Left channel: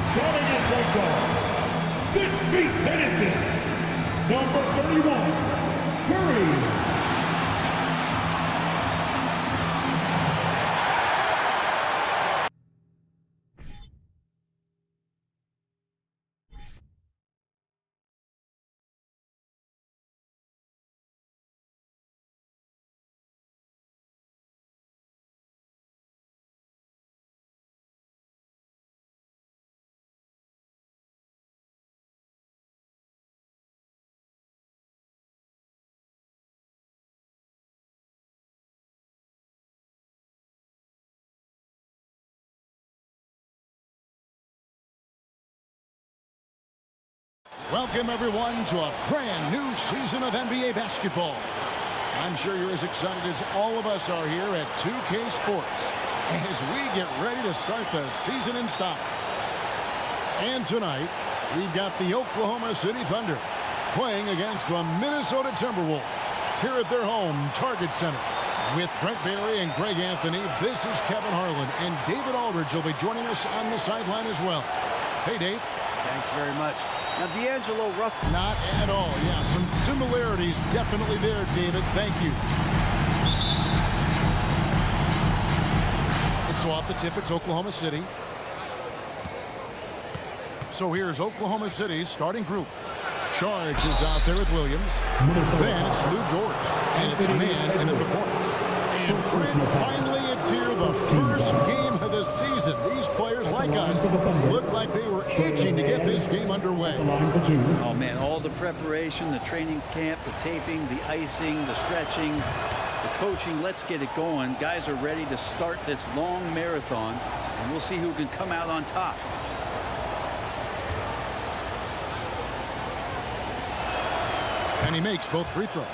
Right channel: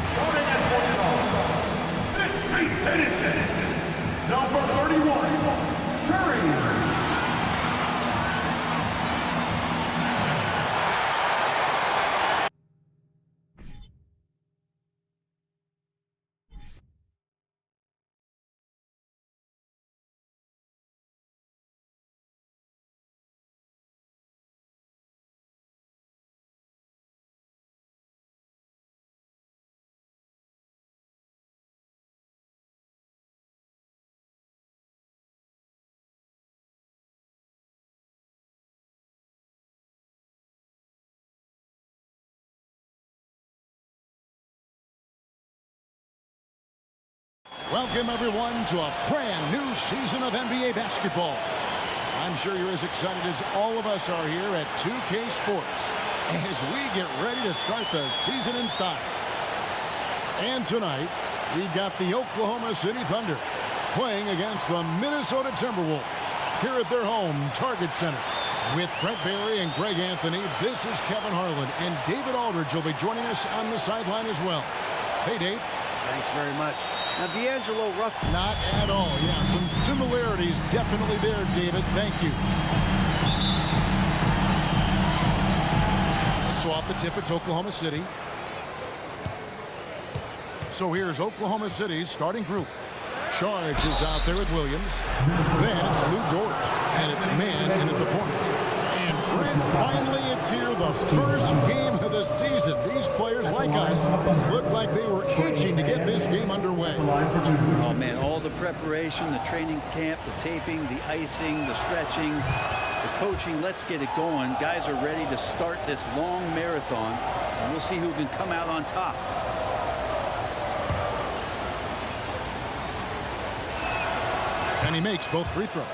Starting at point guard, 6 feet 10 inches, number 31, Curry. Welcome, everyone, to a brand new season of NBA basketball. I'm sure you're as excited as all of us are here at 2K Sports as we get ready to start the season in style. And tonight, we've got the Oklahoma City Thunder playing against the Minnesota Timberwolves here at their home Target Center. With Brent Barry and Greg Anthony, this is Kevin Harlan, and David Aldridge will be joining us on the sideline as well. Hey, Dave. Thanks very much. Now, D'Angelo Russell. Not at all. Yeah, some similarities definitely there, David. Thank you. And so off the tip, it's Oklahoma City. So here's Oklahoma City's starting group. Charge is out there with Williams. Then it's Lou Dort. And it's man in at the point. And Brent, finally it's here, the first game of the season. These players like us look like they were itching to get this game underway. Oh, man, all the preparation, the training camp, the taping, the icing, the stretching, the coaching. Let's get it going. Guys are ready to start this long marathon, and we'll see who can come out on top. And he makes both free throws.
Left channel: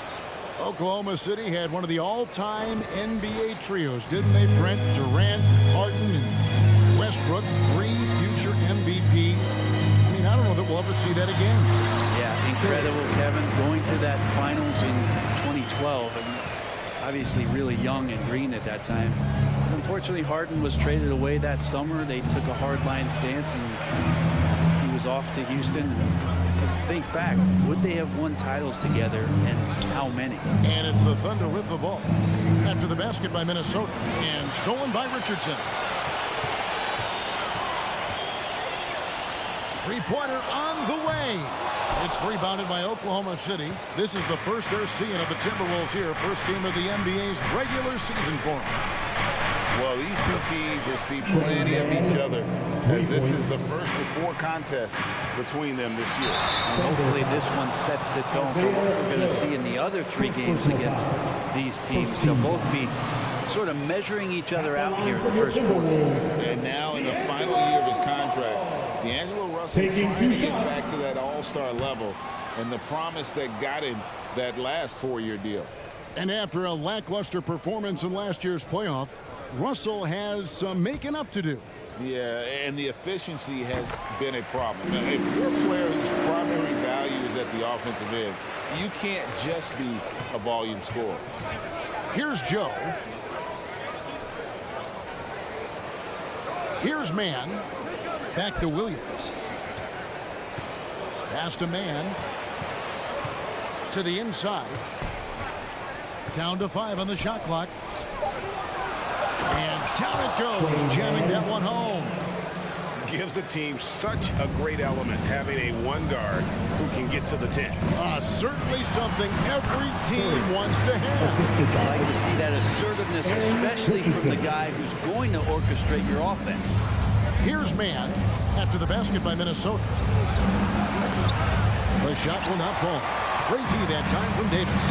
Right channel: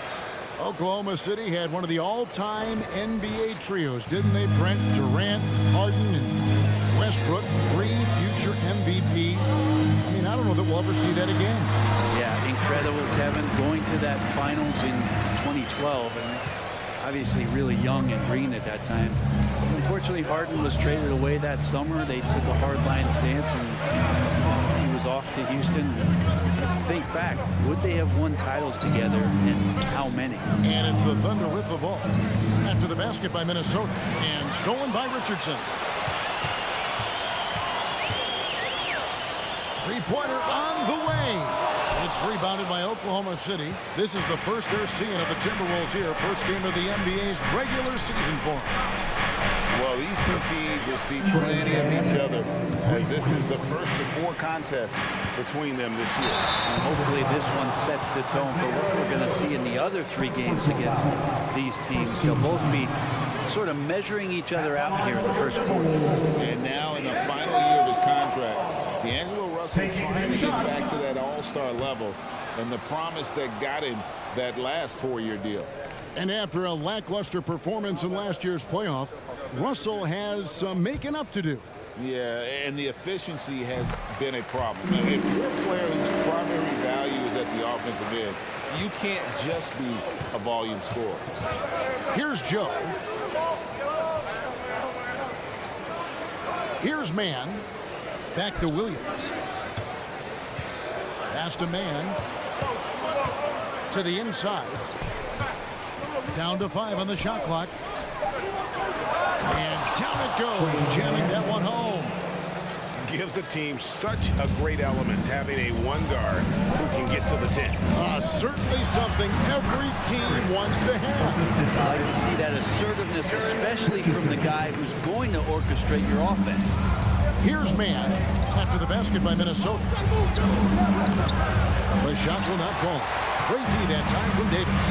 Oklahoma City had one of the all-time NBA trios, didn't they, Brent? Durant, Harden, and Westbrook, 3 future MVPs. I mean, I don't know that we'll ever see that again. Yeah, incredible, Kevin. Going to that finals in 2012, and obviously really young and green at that time. Unfortunately, Harden was traded away that summer. They took a hard-line stance, and he was off to Houston. Just think back, would they have won titles together, and how many? And it's the Thunder with the ball after the basket by Minnesota, and stolen by Richardson. Three-pointer on the way. It's rebounded by Oklahoma City. This is the first they're seeing of the Timberwolves here. First game of the NBA's regular season for them. Well, these two teams will see plenty of each other, as this is the first of 4 contests between them this year. And hopefully this one sets the tone for what we're going to see in the other 3 games against these teams. They'll both be sort of measuring each other out here in the first quarter. And now in the final year of his contract, D'Angelo Russell trying to get back to that all-star level and the promise that got him that last 4-year deal. And after a lackluster performance in last year's playoff, Russell has some making up to do. Yeah, and the efficiency has been a problem. Now, if you're a player whose primary value is at the offensive end, you can't just be a volume scorer. Here's Joe. Here's man. Back to Williams. Pass to man. To the inside. Down to 5 on the shot clock. And down it goes, jamming that one home. Gives the team such a great element having a 1 guard who can get to the 10. Certainly something every team wants to have. I like to see that assertiveness, especially from the guy who's going to orchestrate your offense. Here's man after the basket by Minnesota. The shot will not fall. Great D that time from Davis.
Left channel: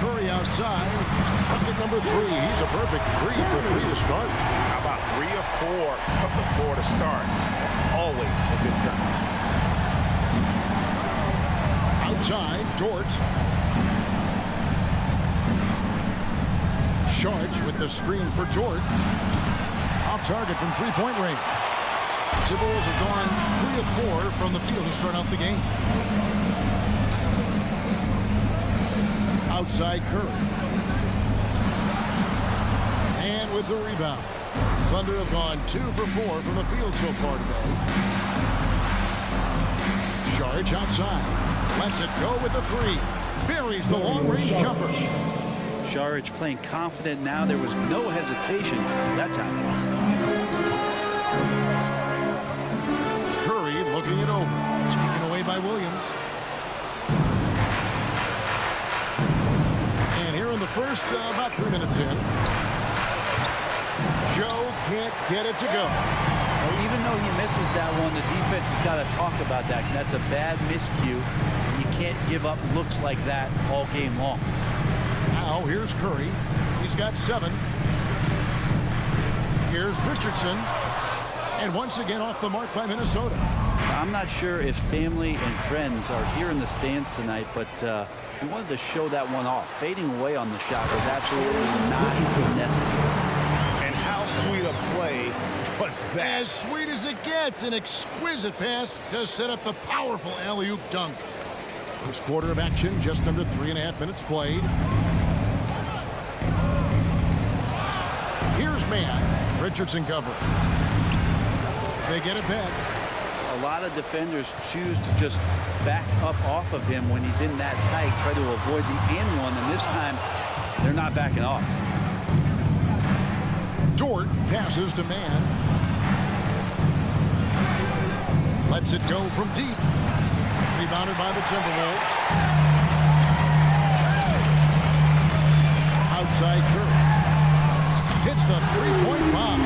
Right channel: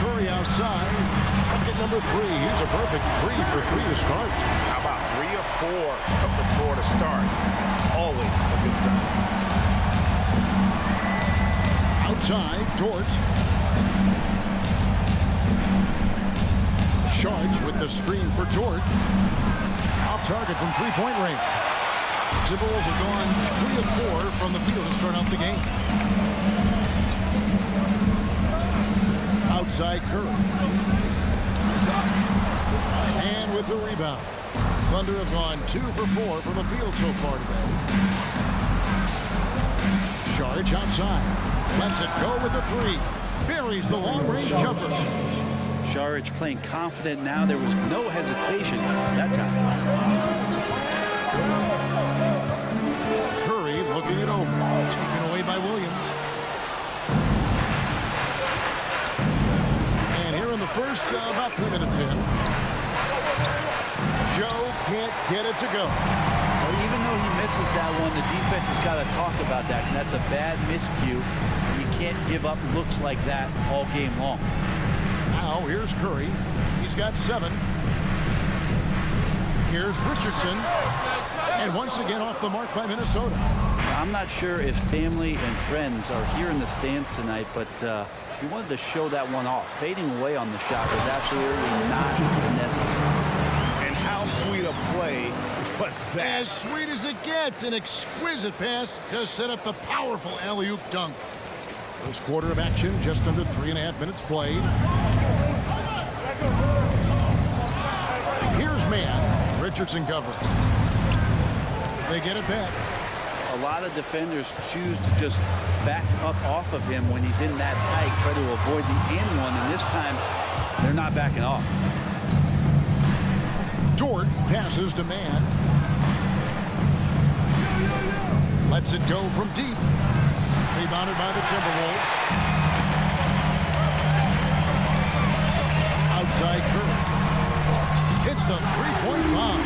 Curry outside. Bucket number 3. He's a perfect 3 for 3 to start. How about 3 or 4 from the floor to start? That's always a good sign. Outside, Dort. Sharge with the screen for Dort. Off target from 3-point range. Timberwolves have gone 3 of 4 from the field to start out the game. Outside Curry. And with the rebound. Thunder have gone 2 for 4 from the field so far today. Saric outside. Lets it go with a 3. Buries the long-range jumper. Saric playing confident now. There was no hesitation that time. Curry looking it over. Taken away by Williams. And here in the first, about 3 minutes in, Joe can't get it to go. Well, even though he misses that one, the defense has got to talk about that. And that's a bad miscue. And you can't give up looks like that all game long. Now here's Curry. He's got 7. Here's Richardson. And once again off the mark by Minnesota. I'm not sure if family and friends are here in the stands tonight, but he wanted to show that one off. Fading away on the shot was absolutely not necessary. And how sweet a play was that? As sweet as it gets. An exquisite pass to set up the powerful alley-oop dunk. First quarter of action, just under 3.5 minutes played. Here's man. Richardson covering. They get it back. A lot of defenders choose to just back up off of him when he's in that tight, try to avoid the and one, and this time they're not backing off. Dort passes to man. Lets it go from deep. Rebounded by the Timberwolves. Outside Curry. Hits the three-point bomb.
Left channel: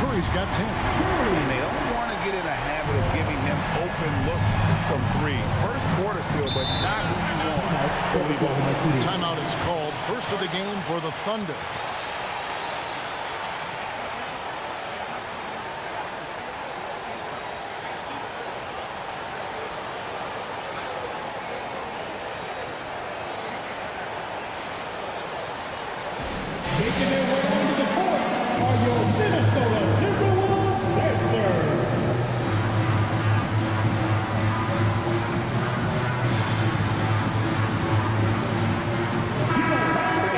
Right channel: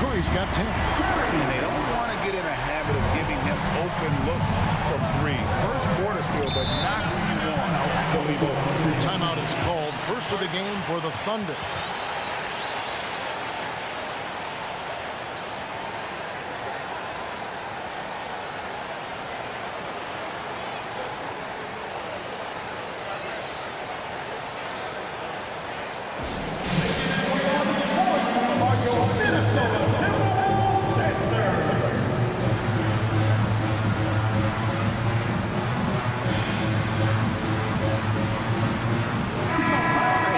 Curry's got 10. And they don't want to get in a habit of giving him open looks from 3. First quarter still, but not who you want to leave open. Timeout is called. First of the game for the Thunder. Making their way onto the court are your Minnesota Timberwolves dancers.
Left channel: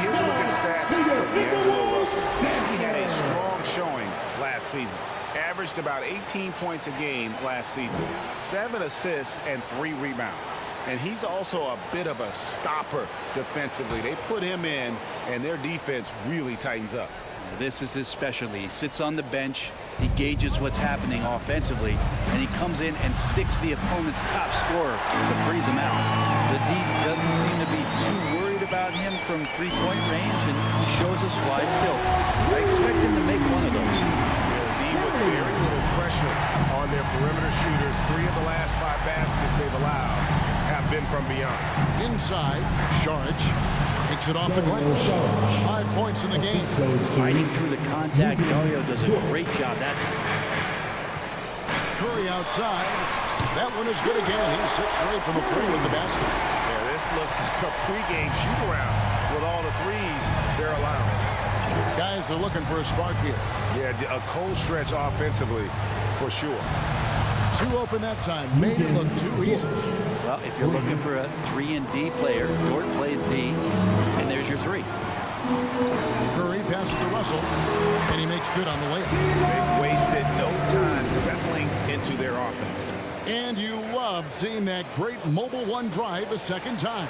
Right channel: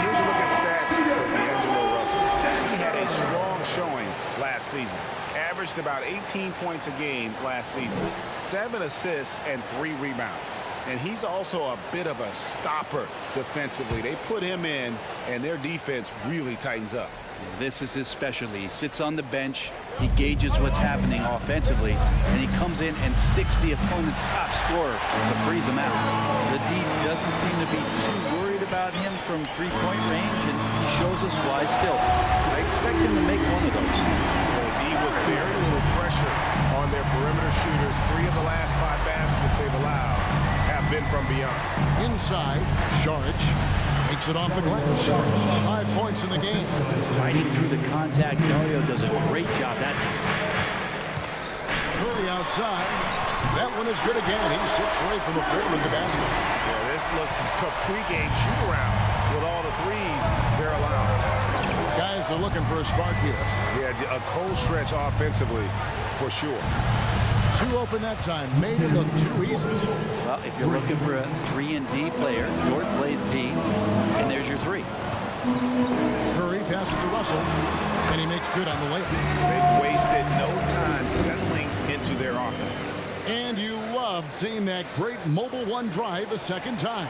Here's a look at stats for D'Angelo Russell. He had a strong showing last season. Averaged about 18 points a game last season. 7 assists and 3 rebounds. And he's also a bit of a stopper defensively. They put him in, and their defense really tightens up. This is his specialty. He sits on the bench, he gauges what's happening offensively, and he comes in and sticks the opponent's top scorer to freeze him out. The D doesn't seem to be too worried about him from three-point range, and he shows us why still. I expect him to make one of those. Yeah, the D with very little pressure on their perimeter shooters. 3 of the last 5 baskets they've allowed have been from beyond. Inside, Saric takes it off the glass. 5 points in the game. Fighting through the contact, Dario does a great job that time. Curry outside. That one is good again. He's 6 for 8 from the floor with the basket. Yeah, this looks like a pregame shoot-around with all the threes they're allowing. Guys are looking for a spark here. Yeah, a cold stretch offensively for sure. 2 open that time. Made it look too easy. Well, if you're looking for a 3-and-D player, Dort plays D, and there's your 3. Curry passes to Russell, and he makes good on the layup. They've wasted no time settling into their offense. And you love seeing that great mobile one drive a second time.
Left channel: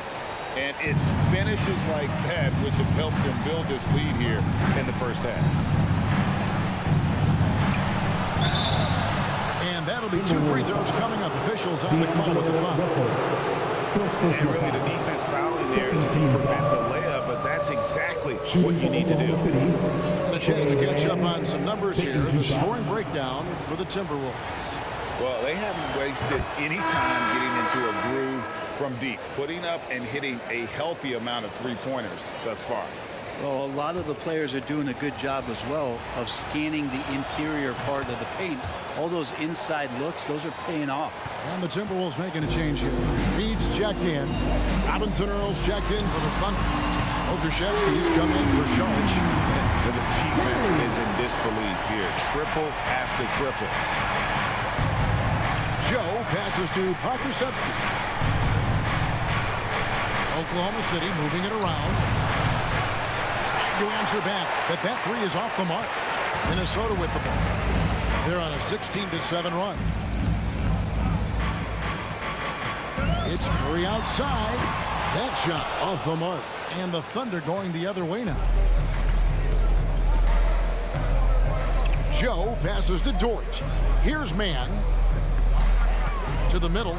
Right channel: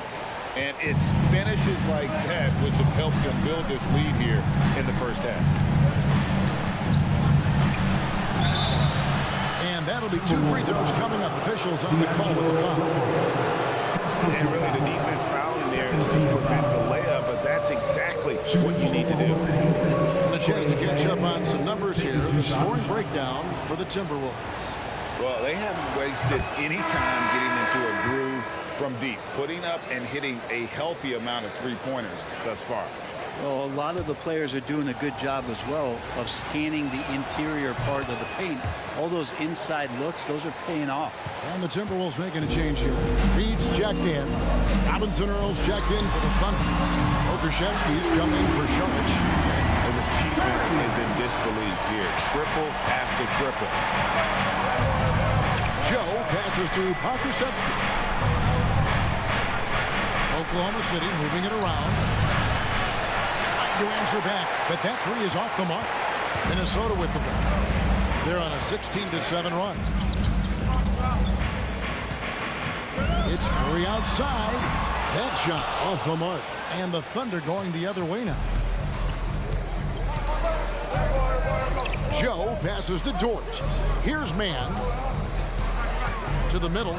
And it's finishes like that which have helped them build this lead here in the first half. And that'll be 2 free throws coming up. Officials on the call with the foul. And really the defense fouling there to prevent the layup, but that's exactly what you need to do. And a chance to catch up on some numbers here. The scoring breakdown for the Timberwolves. Well, they haven't wasted any time getting into a groove from deep, putting up and hitting a healthy amount of three-pointers thus far. Well, a lot of the players are doing a good job as well of scanning the interior part of the paint. All those inside looks, those are paying off. And the Timberwolves making a change here. Reed's checked in. Robinson Earls checked in for the Thunder. Okreshevsky's come in for Saric. And the defense is in disbelief here. Triple after triple. Joe passes to Okreshevsky. Oklahoma City moving it around. Trying to answer back, but that 3 is off the mark. Minnesota with the ball. They're on a 16-7 run. It's Curry outside. That shot off the mark. And the Thunder going the other way now. Joe passes to Dort. Here's Man. To the middle.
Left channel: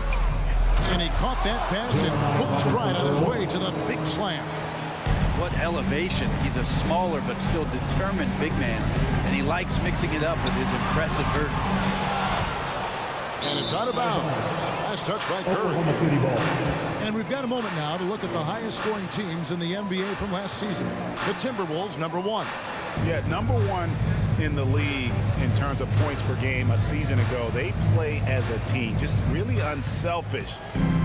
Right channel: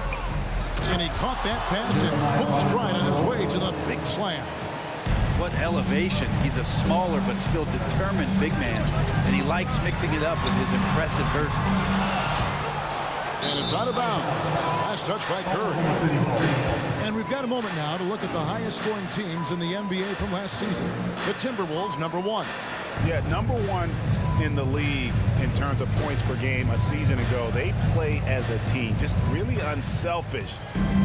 And he caught that pass in full stride on his way to the big slam. What elevation. He's a smaller but still determined big man. And he likes mixing it up with his impressive vert. And it's out of bounds. Last touch by Curry. And we've got a moment now to look at the highest scoring teams in the NBA from last season. The Timberwolves, #1. Yeah, #1 in the league in terms of points per game a season ago. They play as a team, just really unselfish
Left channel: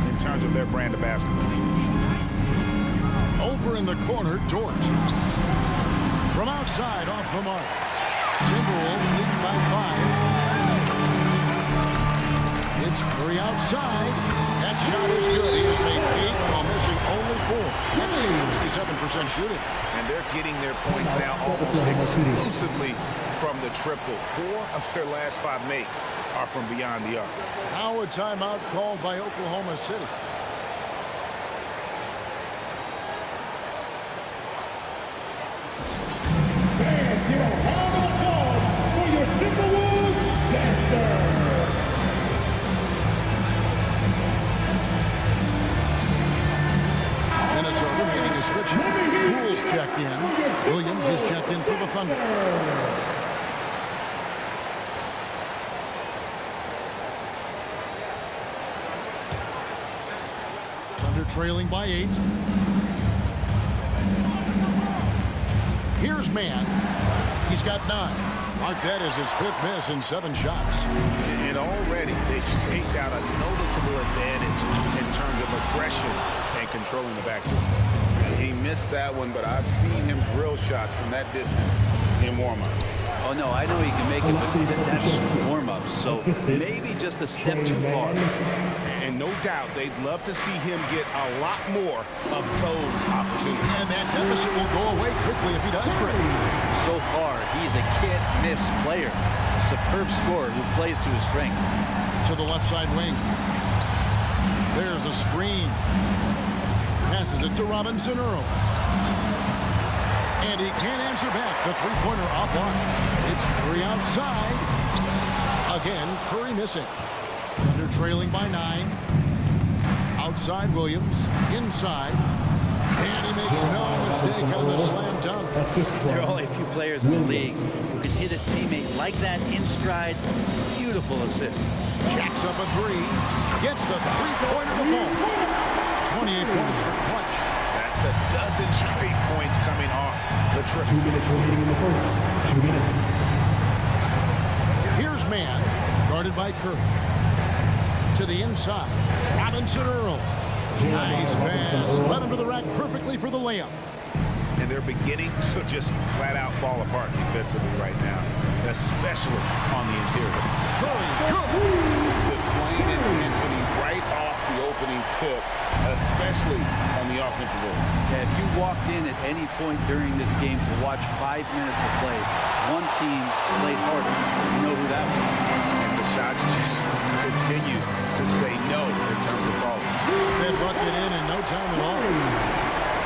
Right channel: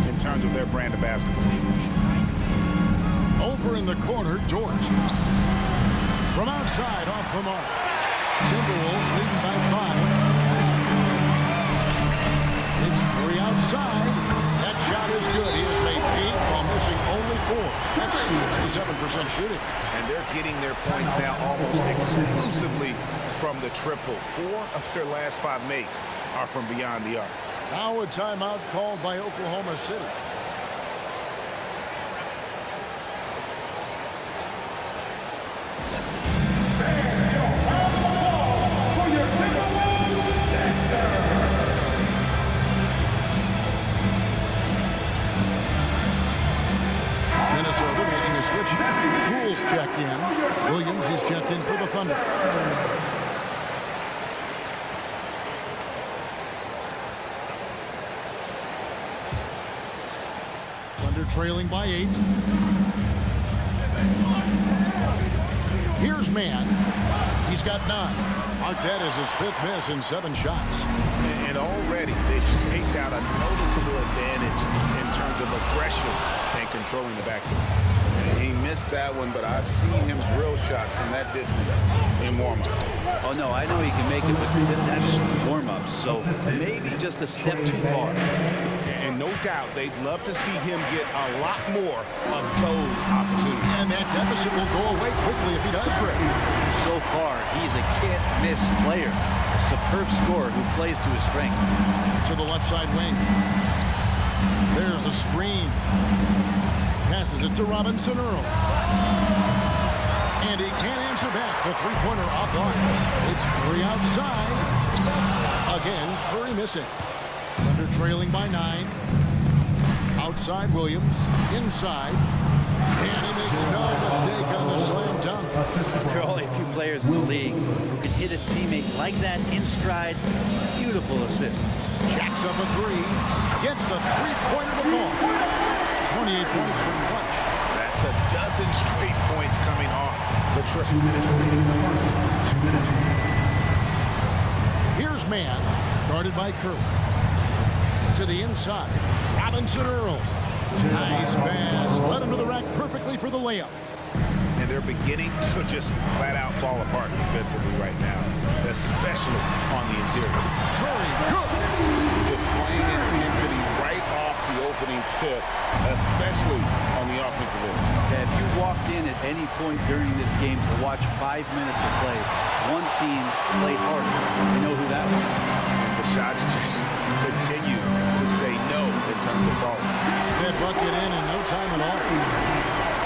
in terms of their brand of basketball. Over in the corner, Dort. From outside, off the mark. Timberwolves leading by 5. It's Curry outside. That shot is good. He has made 8 while missing only 4. That's 67% shooting. And they're getting their points now almost exclusively from the triple. 4 of their last 5 makes are from beyond the arc. Now a timeout called by Oklahoma City. Fans, give a round of applause for your Timberwolves dancer. Minnesota making a switch. Poole's checked in. Williams is checked in for the Thunder. Thunder trailing by 8. Here's Man. He's got 9. Mark that as his 5th miss in 7 shots. And already they've staked out a noticeable advantage in terms of aggression and controlling the backcourt. He missed that one, but I've seen him drill shots from that distance in warm-up. Oh, no, I know he can make it, but that's warm-ups. So maybe just a step too far. And no doubt they'd love to see him get a lot more of those opportunities. And that deficit will go away quickly if he does great. So far, he's a can't-miss player. A superb scorer who plays to his strength. To the left side wing. There's a screen. Passes it to Robinson Earl. And he can't answer back. The three-pointer offline. It's Curry outside. Again, Curry missing. Thunder trailing by 9. Outside Williams. Inside. And he makes no mistake on the slam dunk. There are only a few players in the league who can hit a teammate like that in stride. Beautiful assist. Jacks up a 3. Gets the three-pointer to fall. 28 points for Clutch. That's a dozen straight points coming off the triple. 2 minutes remaining in the first. 2 minutes. Here's Man, guarded by Curry. To the inside. Robinson Earl. Nice pass. Led him to the rack perfectly for the layup. And they're beginning to just flat out fall apart defensively right now, especially on the interior. Curry, good. Displaying intensity right off the opening tip, especially on the offensive end. Yeah, if you walked in at any point during this game to watch 5 minutes of play, one team played harder. You know who that was. And the shots just continue to say no in terms of falling. That bucket in no time at all.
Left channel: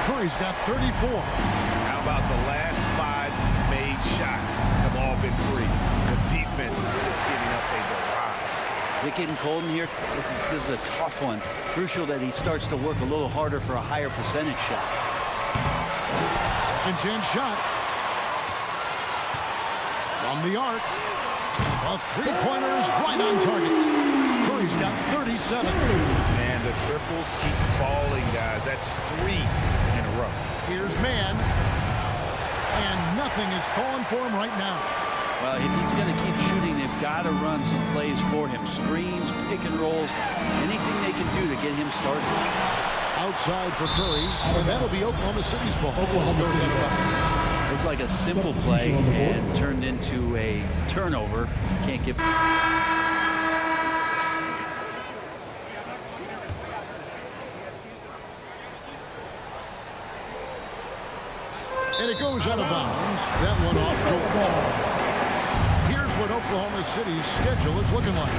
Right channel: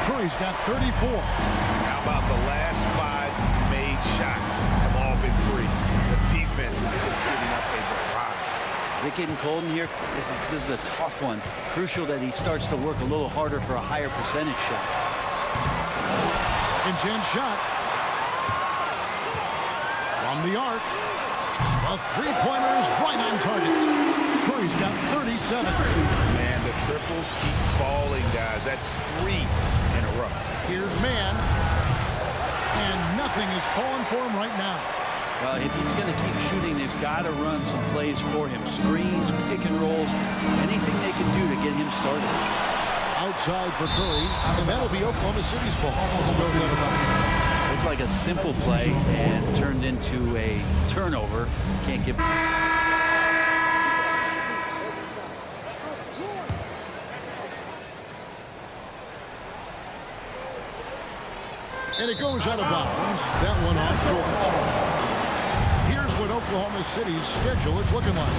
Curry's got 34. And how about the last 5 made shots have all been threes? The defense is just giving up a barrage. Is it getting cold in here? This is a tough one. Crucial that he starts to work a little harder for a higher percentage shot. Second chance shot. From the arc. A three-pointer is right on target. Curry's got 37. Man, the triples keep falling, guys. That's 3 in a row. Here's Man. And nothing is falling for him right now. Well, if he's going to keep shooting, they've got to run some plays for him. Screens, pick and rolls, anything they can do to get him started. Outside for Curry, and that'll be Oklahoma City's ball as it goes out of bounds. Looked like a simple play and turned into a turnover. Can't get... And it goes out of bounds. That one off Dort. Here's what Oklahoma City's schedule is looking like.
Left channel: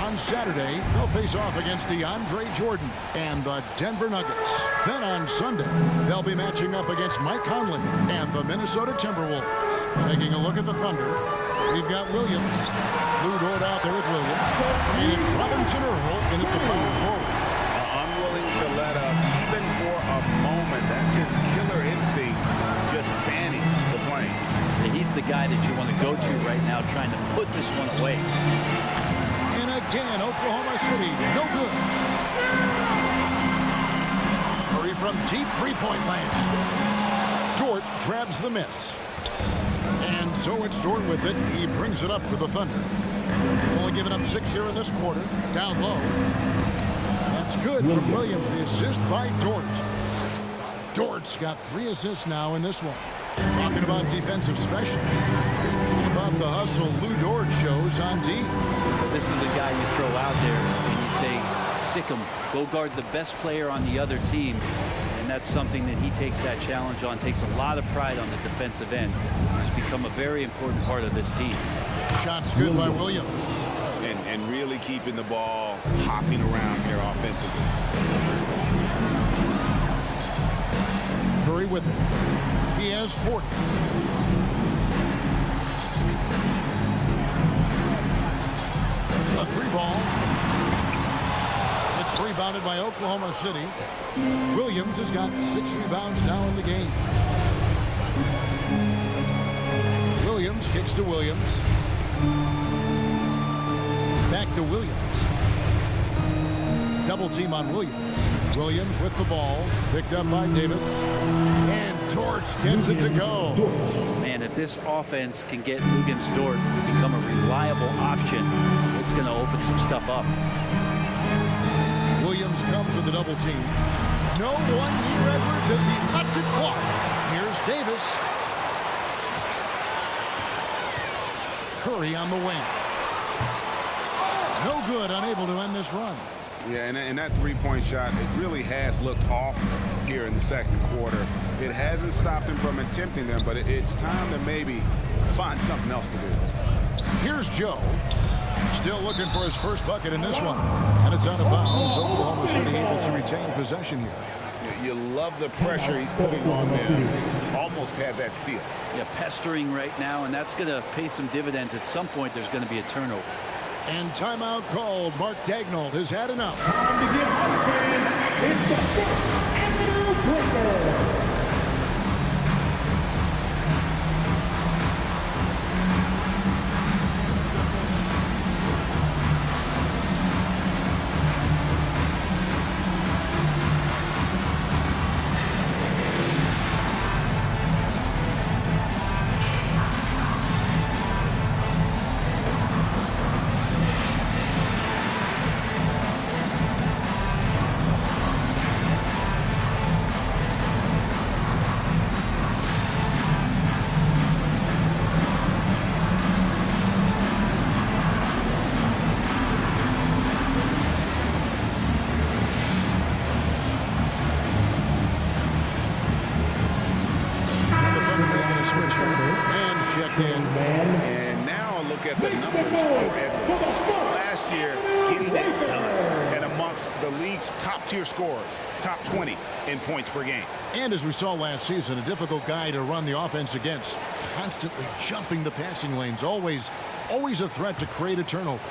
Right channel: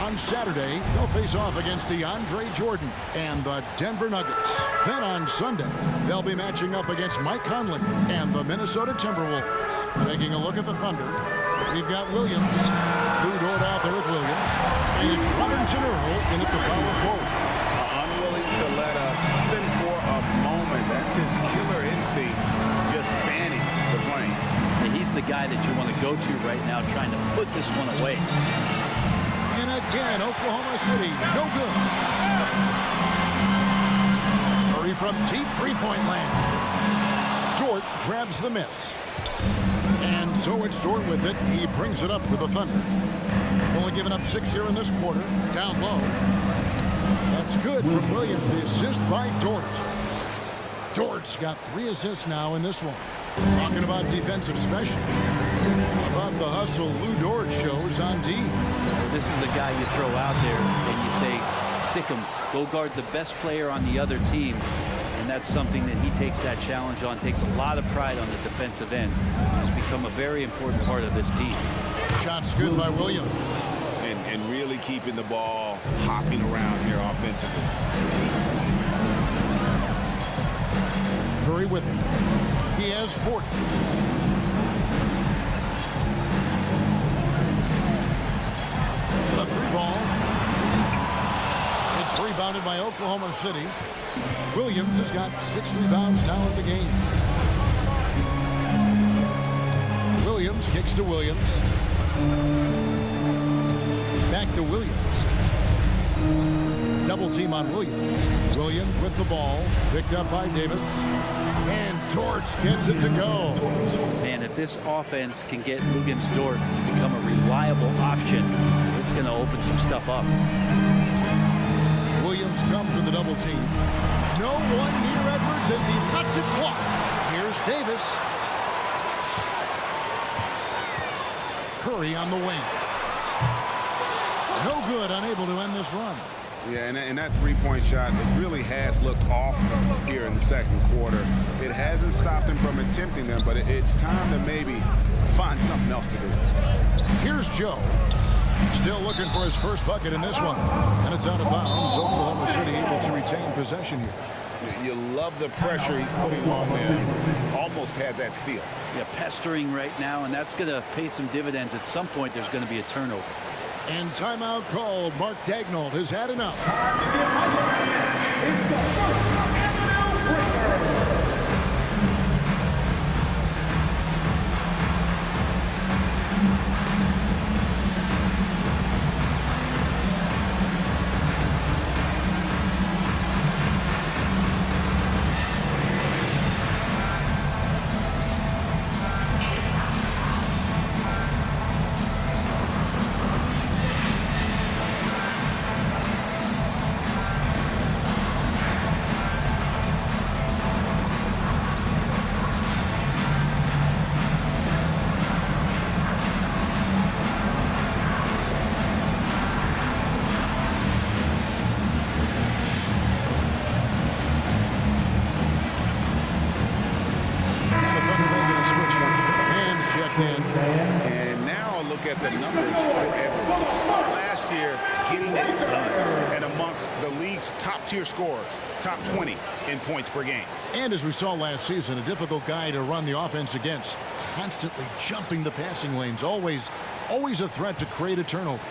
On Saturday, they'll face off against DeAndre Jordan and the Denver Nuggets. Then on Sunday, they'll be matching up against Mike Conley and the Minnesota Timberwolves. Taking a look at the Thunder, we've got Williams. Lou Dort out there with Williams. And it's Robinson Earl in at the power forward. Unwilling to let up even for a moment. That's his killer instinct, just fanning the flame. Yeah, he's the guy that you want to go to right now, trying to put this one away. And again, Oklahoma City, no good. Curry from deep three-point land. Dort grabs the miss. And so it's Dort with it. He brings it up for the Thunder. Only giving up 6 here in this quarter. Down low. That's good from Williams, the assist by Dort. Dort's got 3 assists now in this one. Talking about defensive specials. How about the hustle Lou Dort shows on D? This is a guy you throw out there and you say, sick him, go guard the best player on the other team. And that's something that he takes that challenge on, takes a lot of pride on the defensive end. He's become a very important part of this team. Shots good by Williams. And really keeping the ball hopping around here offensively. Curry with it. He has 40. A 3-ball. It's rebounded by Oklahoma City. Williams has got 6 rebounds now in the game. Williams kicks to Williams. Back to Williams. Double team on Williams. Williams with the ball. Picked up by Davis. And Dort gets it to go. Man, if this offense can get Luguentz Dort to become a reliable option, it's going to open some stuff up. Williams comes with the double team. No one near Edwards as he lets it fly. Here's Davis. Curry on the wing. No good, unable to end this run. Yeah, and that three-point shot, it really has looked off here in the second quarter. It hasn't stopped him from attempting them, but it's time to maybe find something else to do. Here's Joe. Still looking for his first bucket in this one. And it's out of bounds. Oklahoma City able to retain possession here. You love the pressure he's putting on them. Almost had that steal. Yeah, pestering right now, and that's going to pay some dividends. At some point, there's going to be a turnover. And timeout called. Mark Daigneault has had enough. Time to get my fans. It's the first and new breaker. Switch here. Man's checked in. And now look at the numbers for Edwards. Last year, getting it done. And amongst the league's top-tier scorers, top 20 in points per game. And as we saw last season, a difficult guy to run the offense against. Constantly jumping the passing lanes. Always a threat to create a turnover.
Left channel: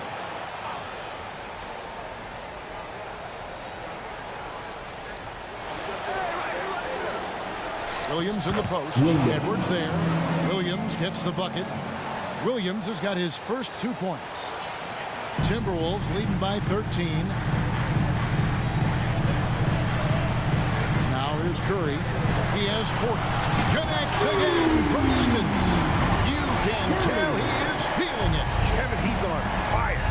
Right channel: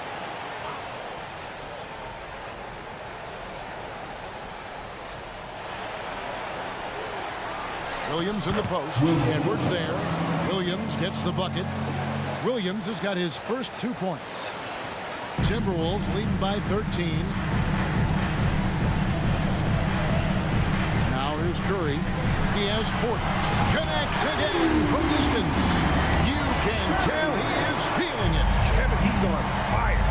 Williams in the post. Edwards there. Williams gets the bucket. Williams has got his first 2 points. Timberwolves leading by 13. Now here's Curry. He has 40. Connects again from distance. You can tell he is feeling it. Kevin, he's on fire.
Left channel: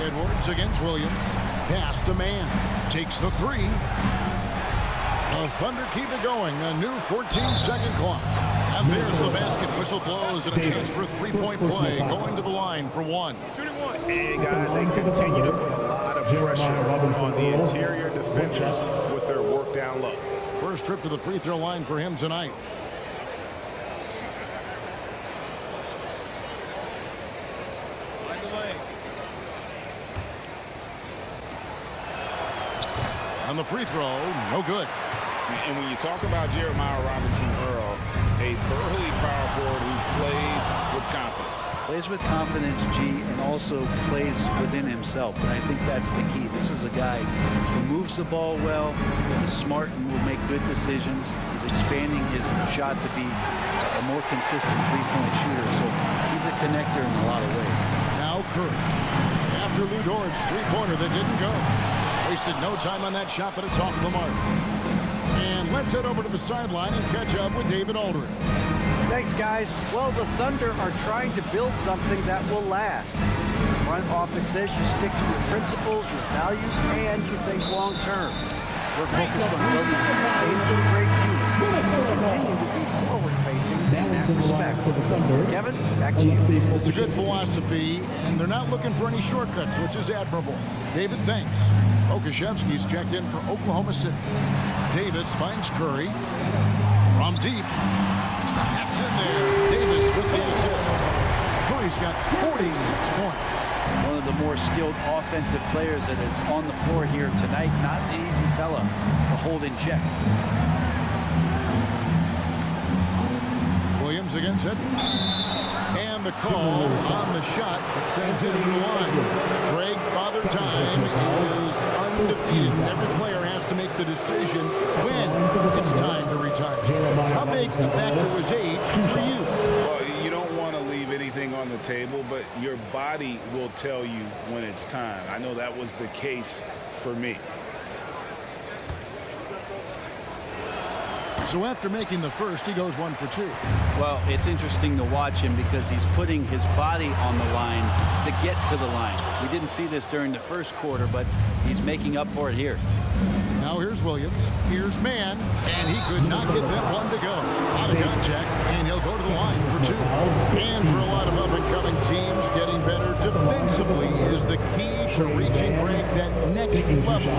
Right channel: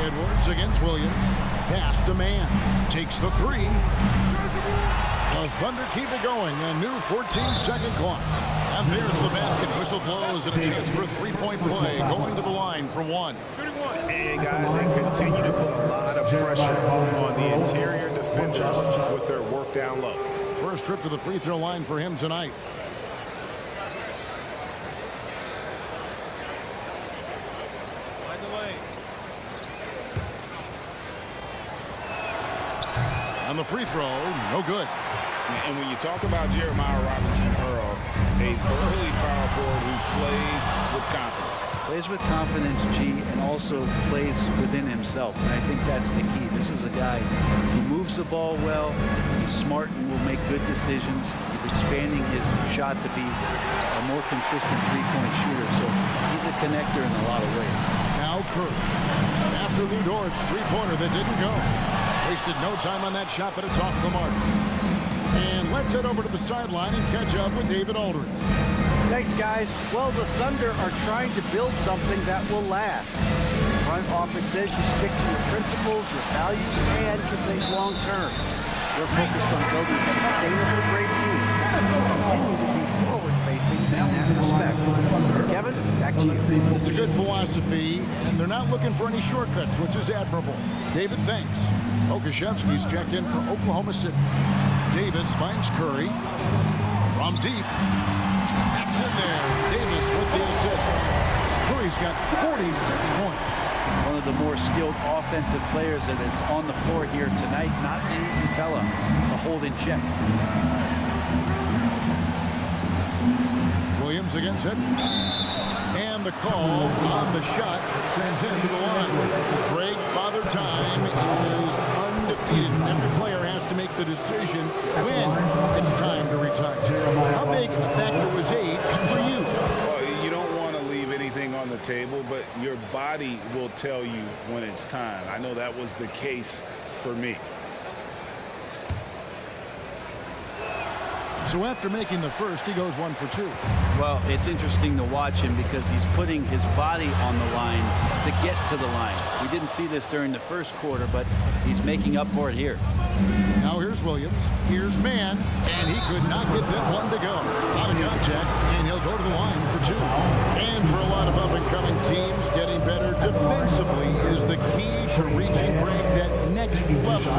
Edwards against Williams. Pass to man. Takes the 3. The Thunder keep it going. A new 14-second clock. And there's the basket. Whistle blows and a chance for a three-point play. Going to the line for 1. Shooting 1. And guys, they continue to put a lot of pressure on the interior defenders with their work down low. First trip to the free throw line for him tonight. Find the lane. On the free throw, no good. And when you talk about Jeremiah Robinson Earl, a burly power forward who plays with confidence. Plays with confidence, G, and also plays within himself. And I think that's the key. This is a guy who moves the ball well. He's smart and will make good decisions. He's expanding his shot to be a more consistent three-point shooter. So he's a connector in a lot of ways. Now Curry. After Lou Dort's three-pointer that didn't go. Wasted no time on that shot, but it's off the mark. And let's head over to the sideline and catch up with David Aldridge. Thanks, guys. Well, the Thunder are trying to build something that will last. The front office says you stick to your principles, your values, and you think long-term. We're focused on building a sustainably great team and continue to be forward-facing in that respect. Kevin, back to you. It's a good philosophy, and they're not looking for any shortcuts, which is admirable. David, thanks. Okashevsky's checked in for Oklahoma City. Davis finds Curry from deep. That's in there. Davis with the assist. Curry's got 46 points. One of the more skilled offensive players that is on the floor here tonight. Not an easy fella to hold in check. Williams against Edwards. And the call on the shot that sends him to the line. Greg, Father Time is undefeated, and every player has to make the decision when it's time to retire. How big a factor was age for you? Well, you don't want to leave anything on the table, but your body will tell you when it's time. I know that was the case for me. So after making the first, he goes 1 for 2. Well, it's interesting to watch him because he's putting his body on the line to get to the line. We didn't see this during the first quarter, but he's making up for it here. Now here's Williams. Here's Mann. And he could not get that one to go. Out of contact, and he'll go to the line for 2. And for a lot of up-and-coming teams, getting better defensively is the key to reaching, Greg, that next level.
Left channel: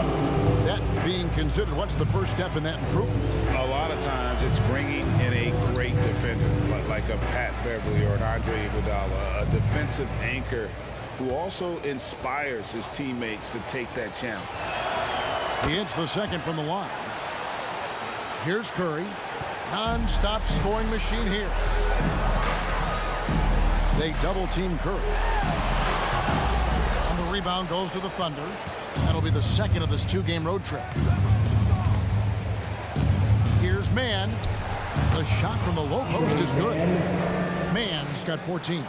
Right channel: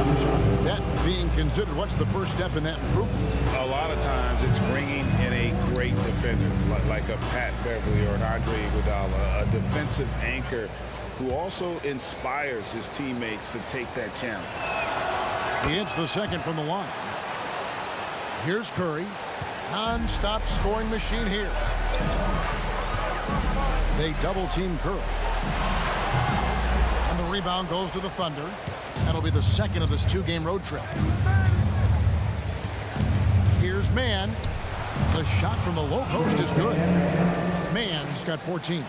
That being considered, what's the first step in that improvement? A lot of times it's bringing in a great defender, like a Pat Beverly or an Andre Iguodala, a defensive anchor who also inspires his teammates to take that challenge. He hits the second from the line. Here's Curry. Non-stop scoring machine here. They double-team Curry. On the rebound goes to the Thunder. That'll be the second of this 2-game road trip. Here's Mann. The shot from the low post is good. Mann's got 14.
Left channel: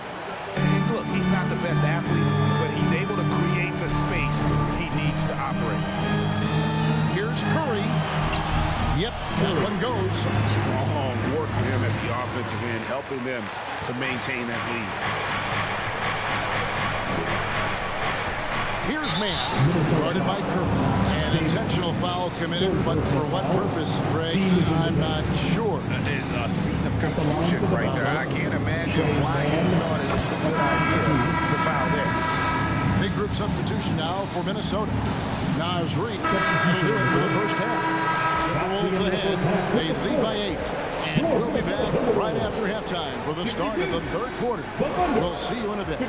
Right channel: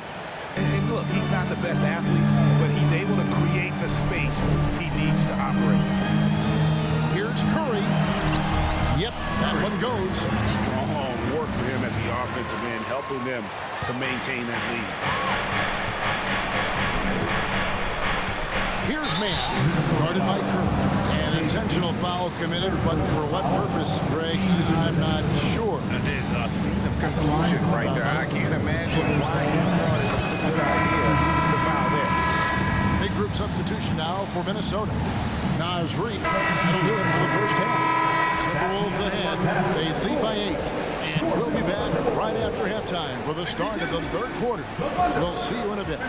And look, he's not the best athlete, but he's able to create the space he needs to operate. Here's Curry. Yep, that one goes. Strong work for him at the offensive end, helping them to maintain that lead. Here's Mann, guarded by Curry. An intentional foul committed, but for what purpose, Greg? I'm not sure. A scene of confusion right there. I can't imagine why he thought it was a good idea to foul there. Big group substitution now for Minnesota. Naz Reid, that'll do it for the first half. Timberwolves ahead. They lead by 8. And we'll be back right after halftime for the start of the third quarter. We'll see you in a bit.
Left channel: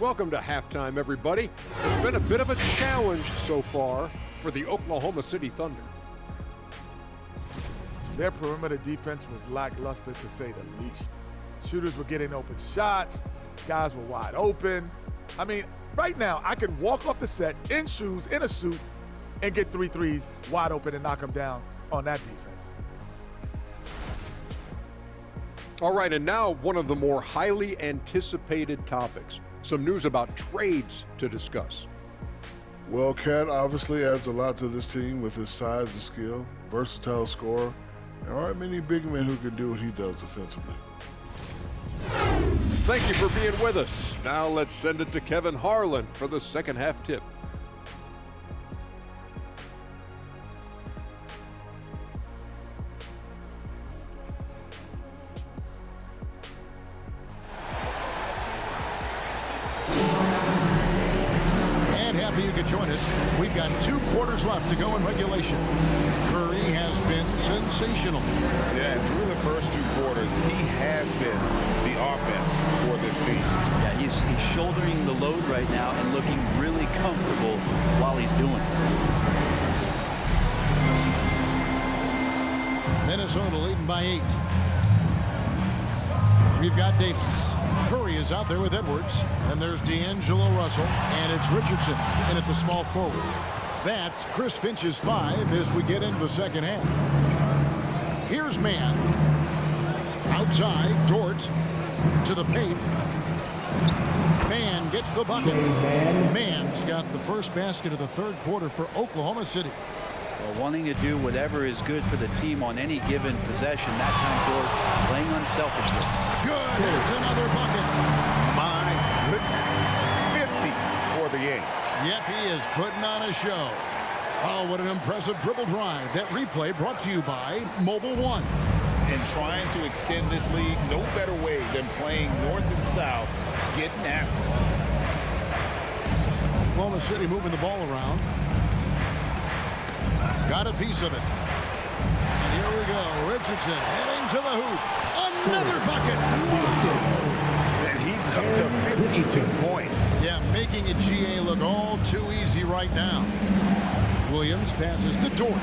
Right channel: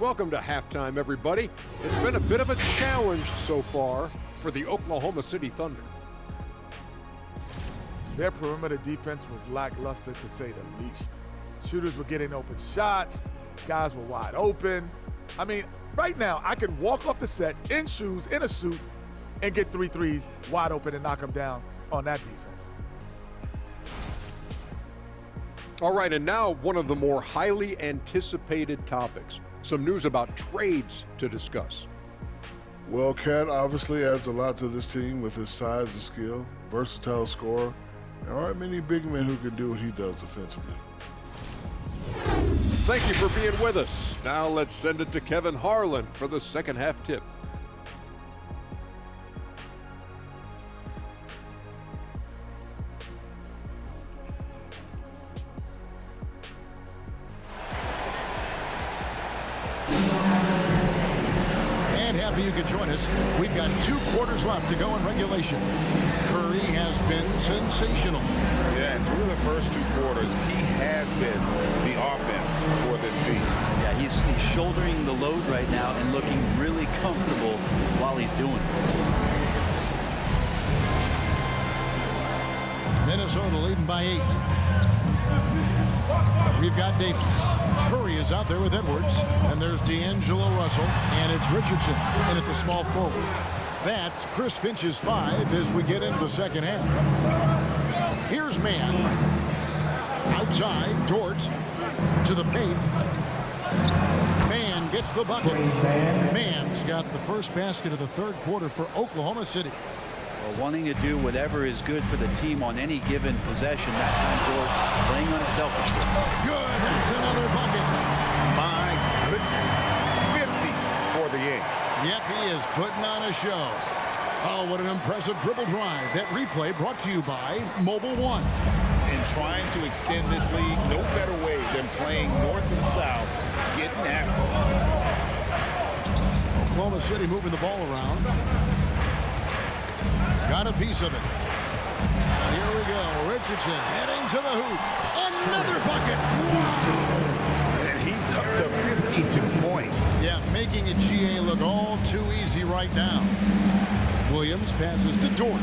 Welcome to halftime, everybody. It's been a bit of a challenge so far for the Oklahoma City Thunder. Their perimeter defense was lackluster, to say the least. Shooters were getting open shots. Guys were wide open. I mean, right now, I can walk off the set in shoes, in a suit, and get 3 threes wide open and knock them down on that defense. All right, and now one of the more highly anticipated topics. Some news about trades to discuss. Well, Cat obviously adds a lot to this team with his size and skill, versatile scorer. There aren't many big men who can do what he does defensively. Thank you for being with us. Now let's send it to Kevin Harlan for the second half tip. happy you could join us. We've got 2 quarters left to go in regulation. Curry has been sensational. Yeah, and through the first 2 quarters, he has been the offense for this team. Yeah, he's shouldering the load right now and looking really comfortable while he's doing it. Minnesota leading by 8. We've got Davis. Curry is out there with Edwards. And there's D'Angelo Russell. And it's Richardson in at the small forward. That's Chris Finch's 5 as we get into the second half. Here's Mann. Outside, Dort to the paint. Mann gets the bucket. Mann's got the first basket of the third quarter for Oklahoma City. Well, wanting to do whatever is good for the team on any given possession. That time, Dort playing unselfishly. Good. That's another bucket. My goodness. 50 for the game. Yep, he is putting on a show. Oh, what an impressive dribble drive. That replay brought to you by Mobile One. And trying to extend this lead, no better way than playing north and south, getting after it. Oklahoma City moving the ball around. Got a piece of it. And here we go. Richardson heading to the hoop. Another bucket. Wow. And he's up to 52 points. Yeah, making a GA look all too easy right now. Williams passes to Dort.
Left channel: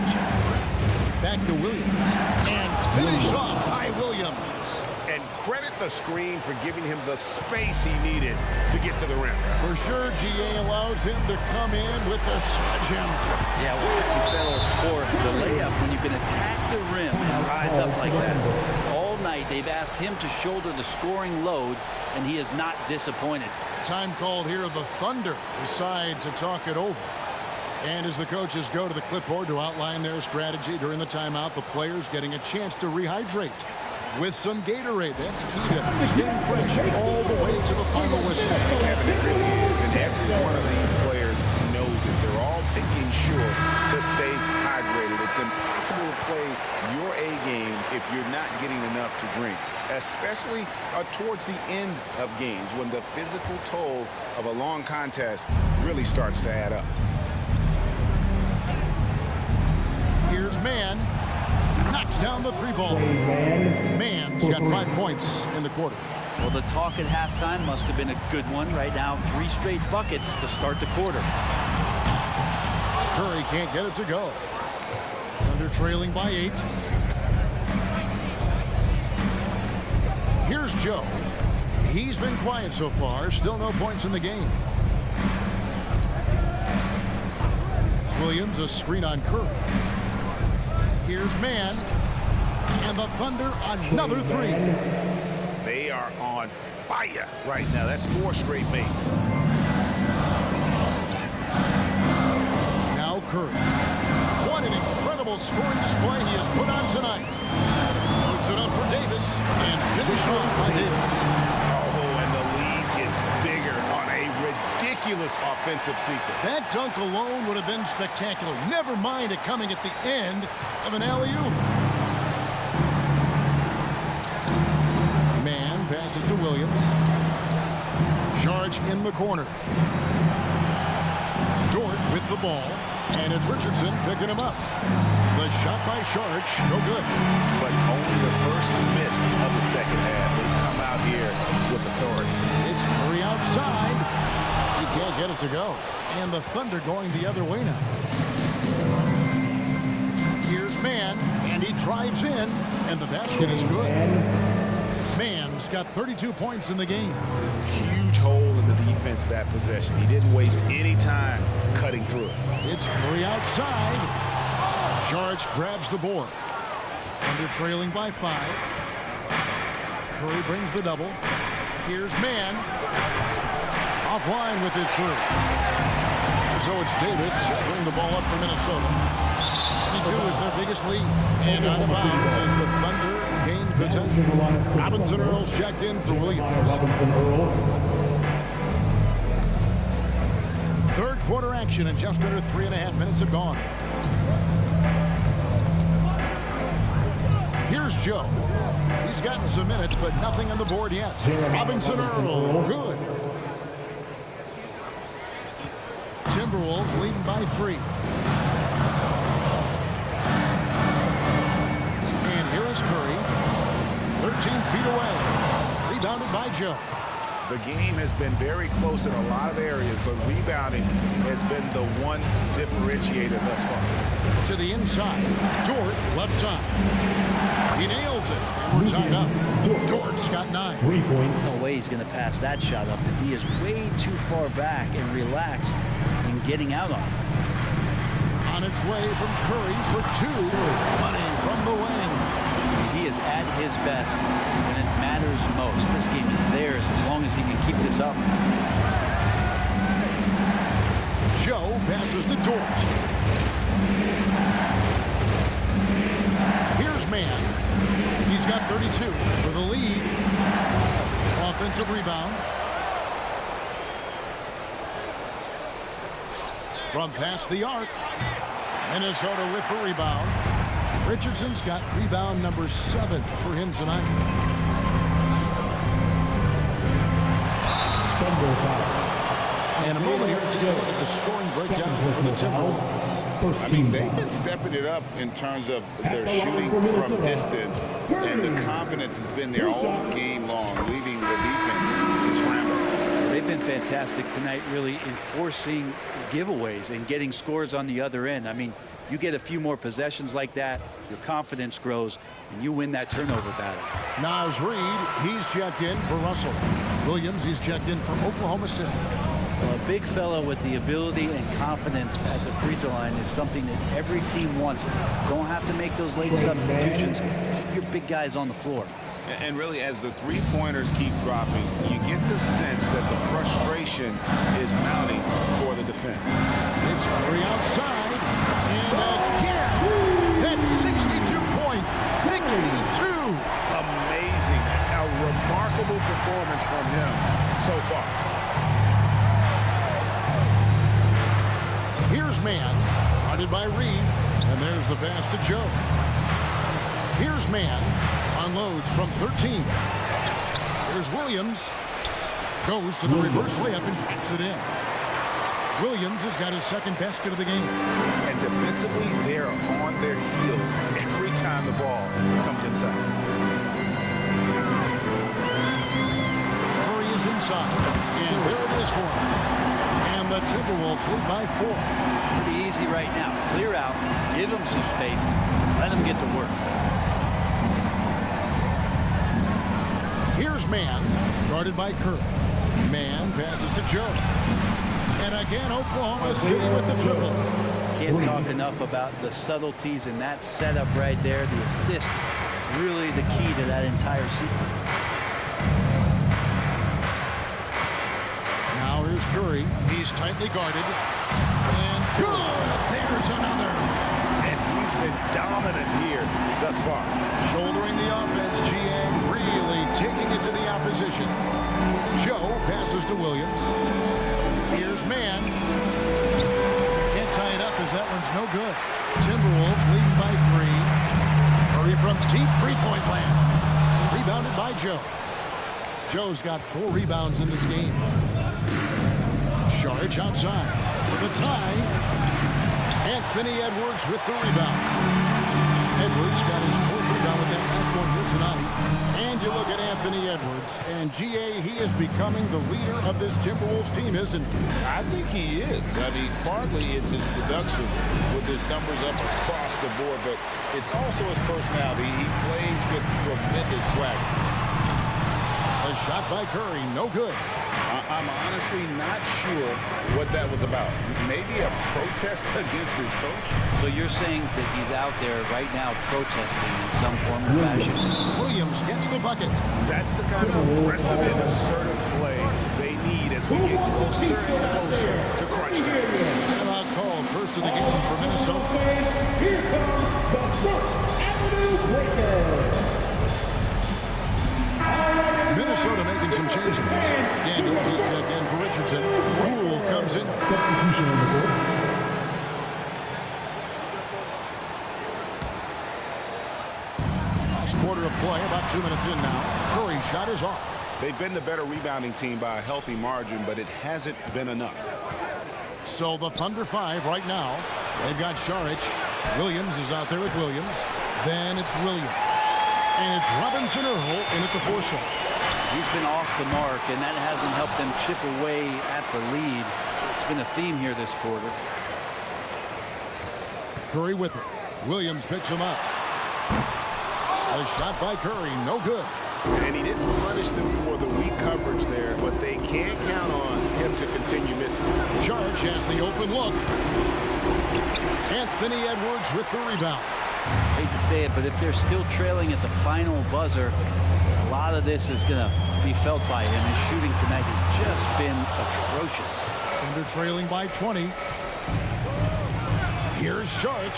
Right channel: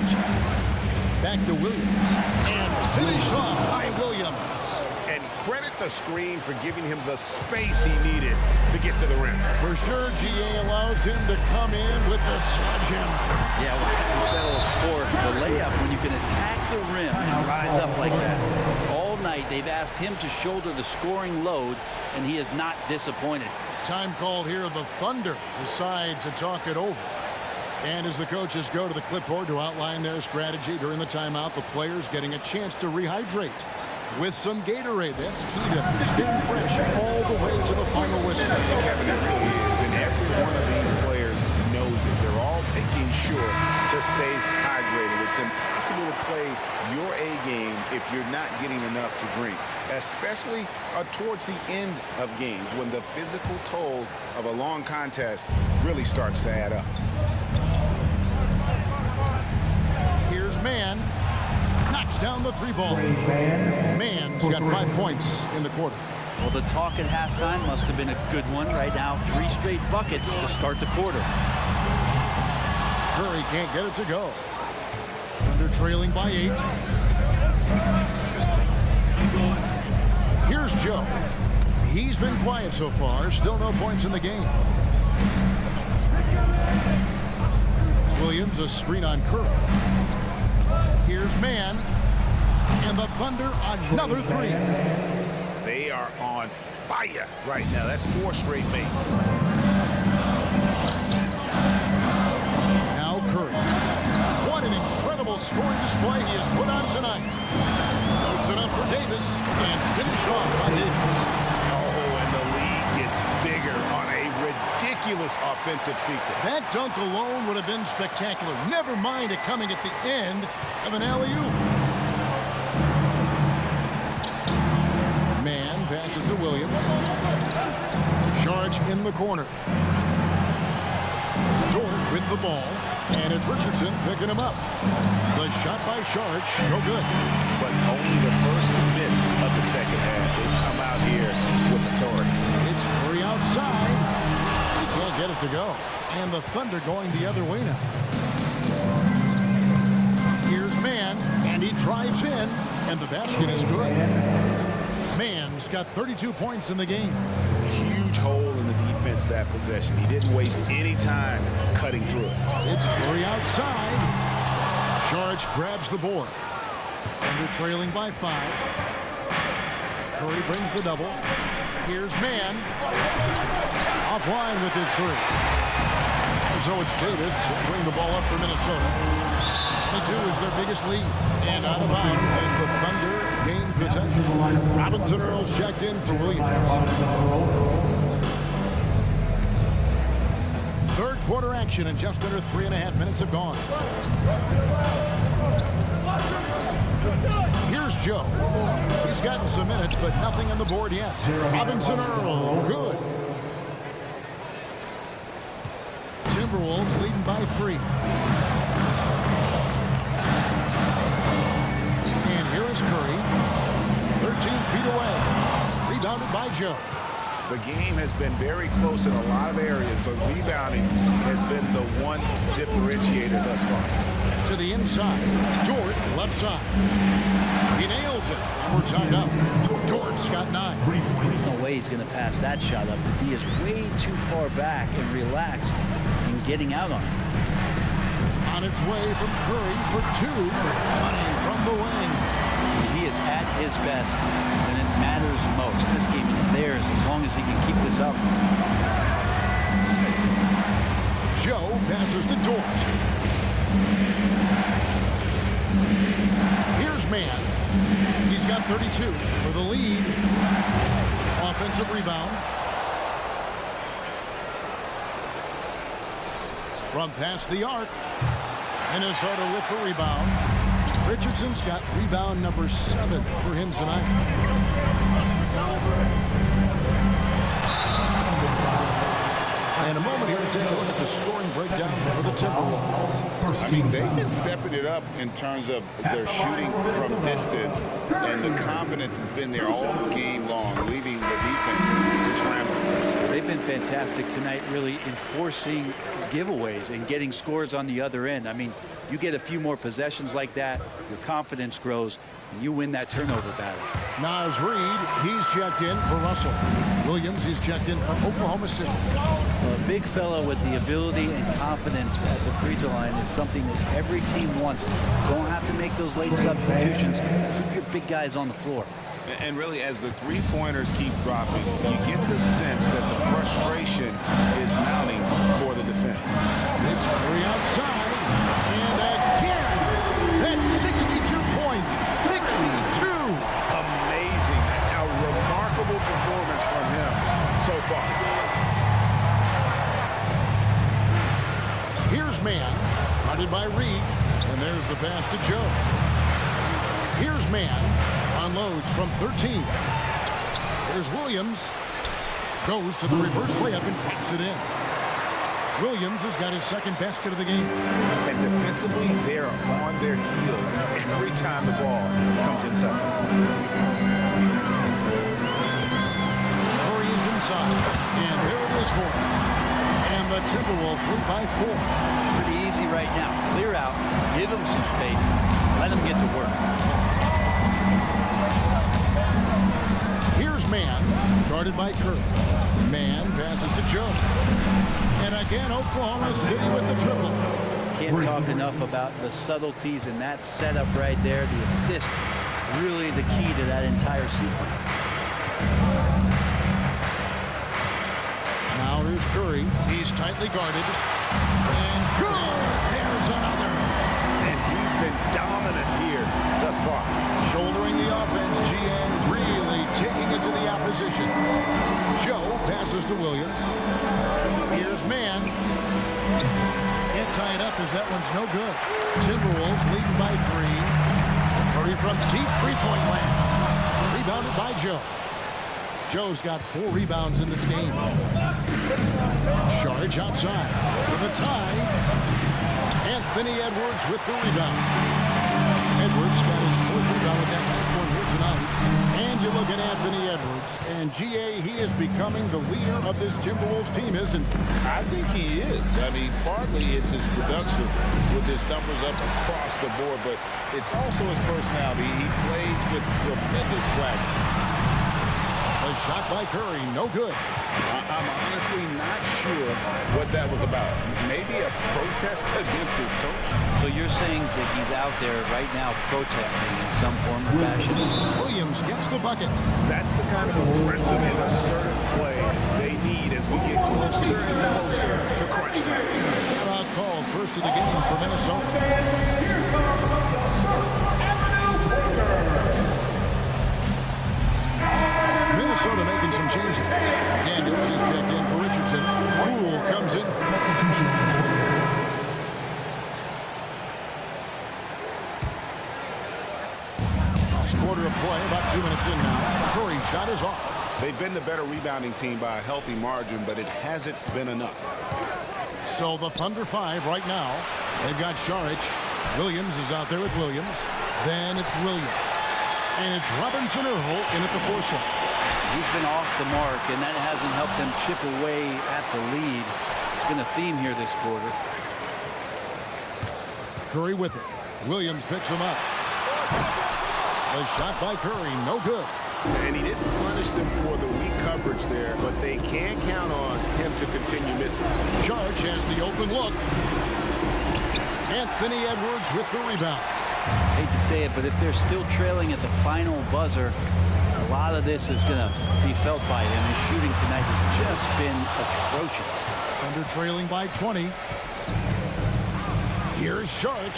Back to Williams. And finished off by Williams. And credit the screen for giving him the space he needed to get to the rim. For sure, GA allows him to come in with the sledgehammer. Yeah, well, have you settle for the layup when you can attack the rim and rise up like that? All night, they've asked him to shoulder the scoring load, and he is not disappointed. Time called here. The Thunder decide to talk it over. And as the coaches go to the clipboard to outline their strategy during the timeout, the players getting a chance to rehydrate with some Gatorade. That's key to staying fresh all the way to the final whistle. And Kevin, it really is. And every one of these players knows it. They're all making sure to stay hydrated. It's impossible to play your A game if you're not getting enough to drink, especially towards the end of games when the physical toll of a long contest really starts to add up. Here's Mann. Knocks down the 3-ball. Mann's got 5 points in the quarter. Well, the talk at halftime must have been a good one. Right now, 3 straight buckets to start the quarter. Curry can't get it to go. Thunder trailing by 8. Here's Joe. He's been quiet so far. Still no points in the game. Williams, a screen on Curry. Here's Mann. And the Thunder, another 3. They are on fire right now. That's 4 straight makes. Now Curry. What an incredible scoring display he has put on tonight. Puts it up for Davis and finished off by Davis. Oh, and the lead gets bigger on a ridiculous offensive sequence. That dunk alone would have been spectacular. Never mind it coming at the end of an alley-oop. Mann passes to Williams. Charge in the corner. Dort with the ball. And it's Richardson picking him up. The shot by Charge, no good. But only the first miss of the second half. They've come out here with authority. It's Curry outside. He can't get it to go. And the Thunder going the other way now. Here's Mann, and he drives in, and the basket is good. Mann's got 32 points in the game. Huge hole in the defense that possession. He didn't waste any time cutting through it. It's Curry outside. Charge grabs the board. Under trailing by 5. Curry brings the double. Here's Mann. Offline with his 3. And so it's Davis. He'll bring the ball up for Minnesota. 22 is their biggest lead. And out of bounds as the Thunder gain possession. Robinson Earls checked in for Williams. Third quarter action, and just under 3.5 minutes have gone. Here's Joe. He's gotten some minutes, but nothing on the board yet. Robinson Earl, good. Timberwolves leading by 3. And here is Curry, 13 feet away. Rebounded by Joe. The game has been very close in a lot of areas, but rebounding has been the one differentiator thus far. To the inside, Dort left side. He nails it, and we're tied up. Dort's got 9. 3 points. No way he's going to pass that shot up. The D is way too far back and relaxed in getting out on it. On its way from Curry for 2. Money from the wing. He is at his best when it matters most. This game is theirs as long as he can keep this up. Joe passes to Dort. Here's Mann. He's got 32 for the lead. Offensive rebound. From past the arc. Minnesota with the rebound. Richardson's got rebound number 7 for him tonight. And a moment here to take a look at the scoring breakdown for the Timberwolves. I mean, they've been stepping it up in terms of their shooting from distance, and the confidence has been there all game long, leaving the defense to scramble. They've been fantastic tonight, really enforcing giveaways and getting scores on the other end. I mean, you get a few more possessions like that, your confidence grows, and you win that turnover battle. Naz Reid, he's checked in for Russell. Williams, he's checked in for Oklahoma City. Well, a big fella with the ability and confidence at the free throw line is something that every team wants. Don't have to make those late substitutions. Keep your big guys on the floor. And really, as the three-pointers keep dropping, you get the sense that the frustration is mounting for the defense. It's Curry outside, and again, that's 62 points, 62. Amazing, a remarkable performance from him so far. Here's Mann, guarded by Reid, and there's the pass to Joe. Here's Mann, unloads from 13. Here's Williams, goes to the reverse layup and drops it in. Williams has got his second basket of the game. And defensively, they're on their heels every time the ball comes inside. Curry is inside, and there it is for him. And the Timberwolves lead by 4. Pretty easy right now. Clear out, give him some space, let him get to work. Here's Mann, guarded by Curry. Mann passes to Joe. And again, Oklahoma City with the triple. Can't talk enough about the subtleties in that setup right there. The assist, really the key to that entire sequence. Now here's Curry. He's tightly guarded. And good! There's another. And he's been dominant here thus far. Shouldering the offense, GA really taking it to the opposition. Joe passes to Williams. Here's Mann. Can't tie it up as that one's no good. Timberwolves leading by 3. Curry from deep three-point land. Rebounded by Joe. Joe's got 4 rebounds in this game. Charge outside for the tie. Anthony Edwards with the rebound. Edwards got his 4th rebound with that last one here tonight. And you look at Anthony Edwards, and GA, he is becoming the leader of this Timberwolves team, isn't he? I think he is. I mean, partly it's his production with his numbers up across the board, but it's also his personality. He plays with tremendous swag. A shot by Curry, no good. I'm honestly not sure what that was about. Maybe a protest against his coach? So you're saying that he's out there right now protesting in some form or fashion? Williams gets the bucket. That's the kind of aggressive and assertive play they need as we get closer and closer to crunch time. Timeout called, first of the game for Minnesota. Here comes the First Avenue Breaker. Minnesota making some changes. Daniels is checked in for Richardson. Poole comes in. Substitution on the court. Last quarter of play, about 2 minutes in now. Curry's shot is off. They've been the better rebounding team by a healthy margin, but it hasn't been enough. So the Thunder 5 right now. They've got Saric. Williams is out there with Williams. Then it's Williams. And it's Robinson Earl in at the 4 slot. He's been off the mark, and that hasn't helped them chip away at the lead. It's been a theme here this quarter. Curry with it. Williams picks him up. A shot by Curry, no good. And he didn't punish them for the weak coverage there, but they can't count on him to continue missing. Saric has the open look. Anthony Edwards with the rebound. Hate to say it, but if they're still trailing at the final buzzer, a lot of this is going to be felt by him. His shooting tonight has just been atrocious. Thunder trailing by 20. Here's Saric.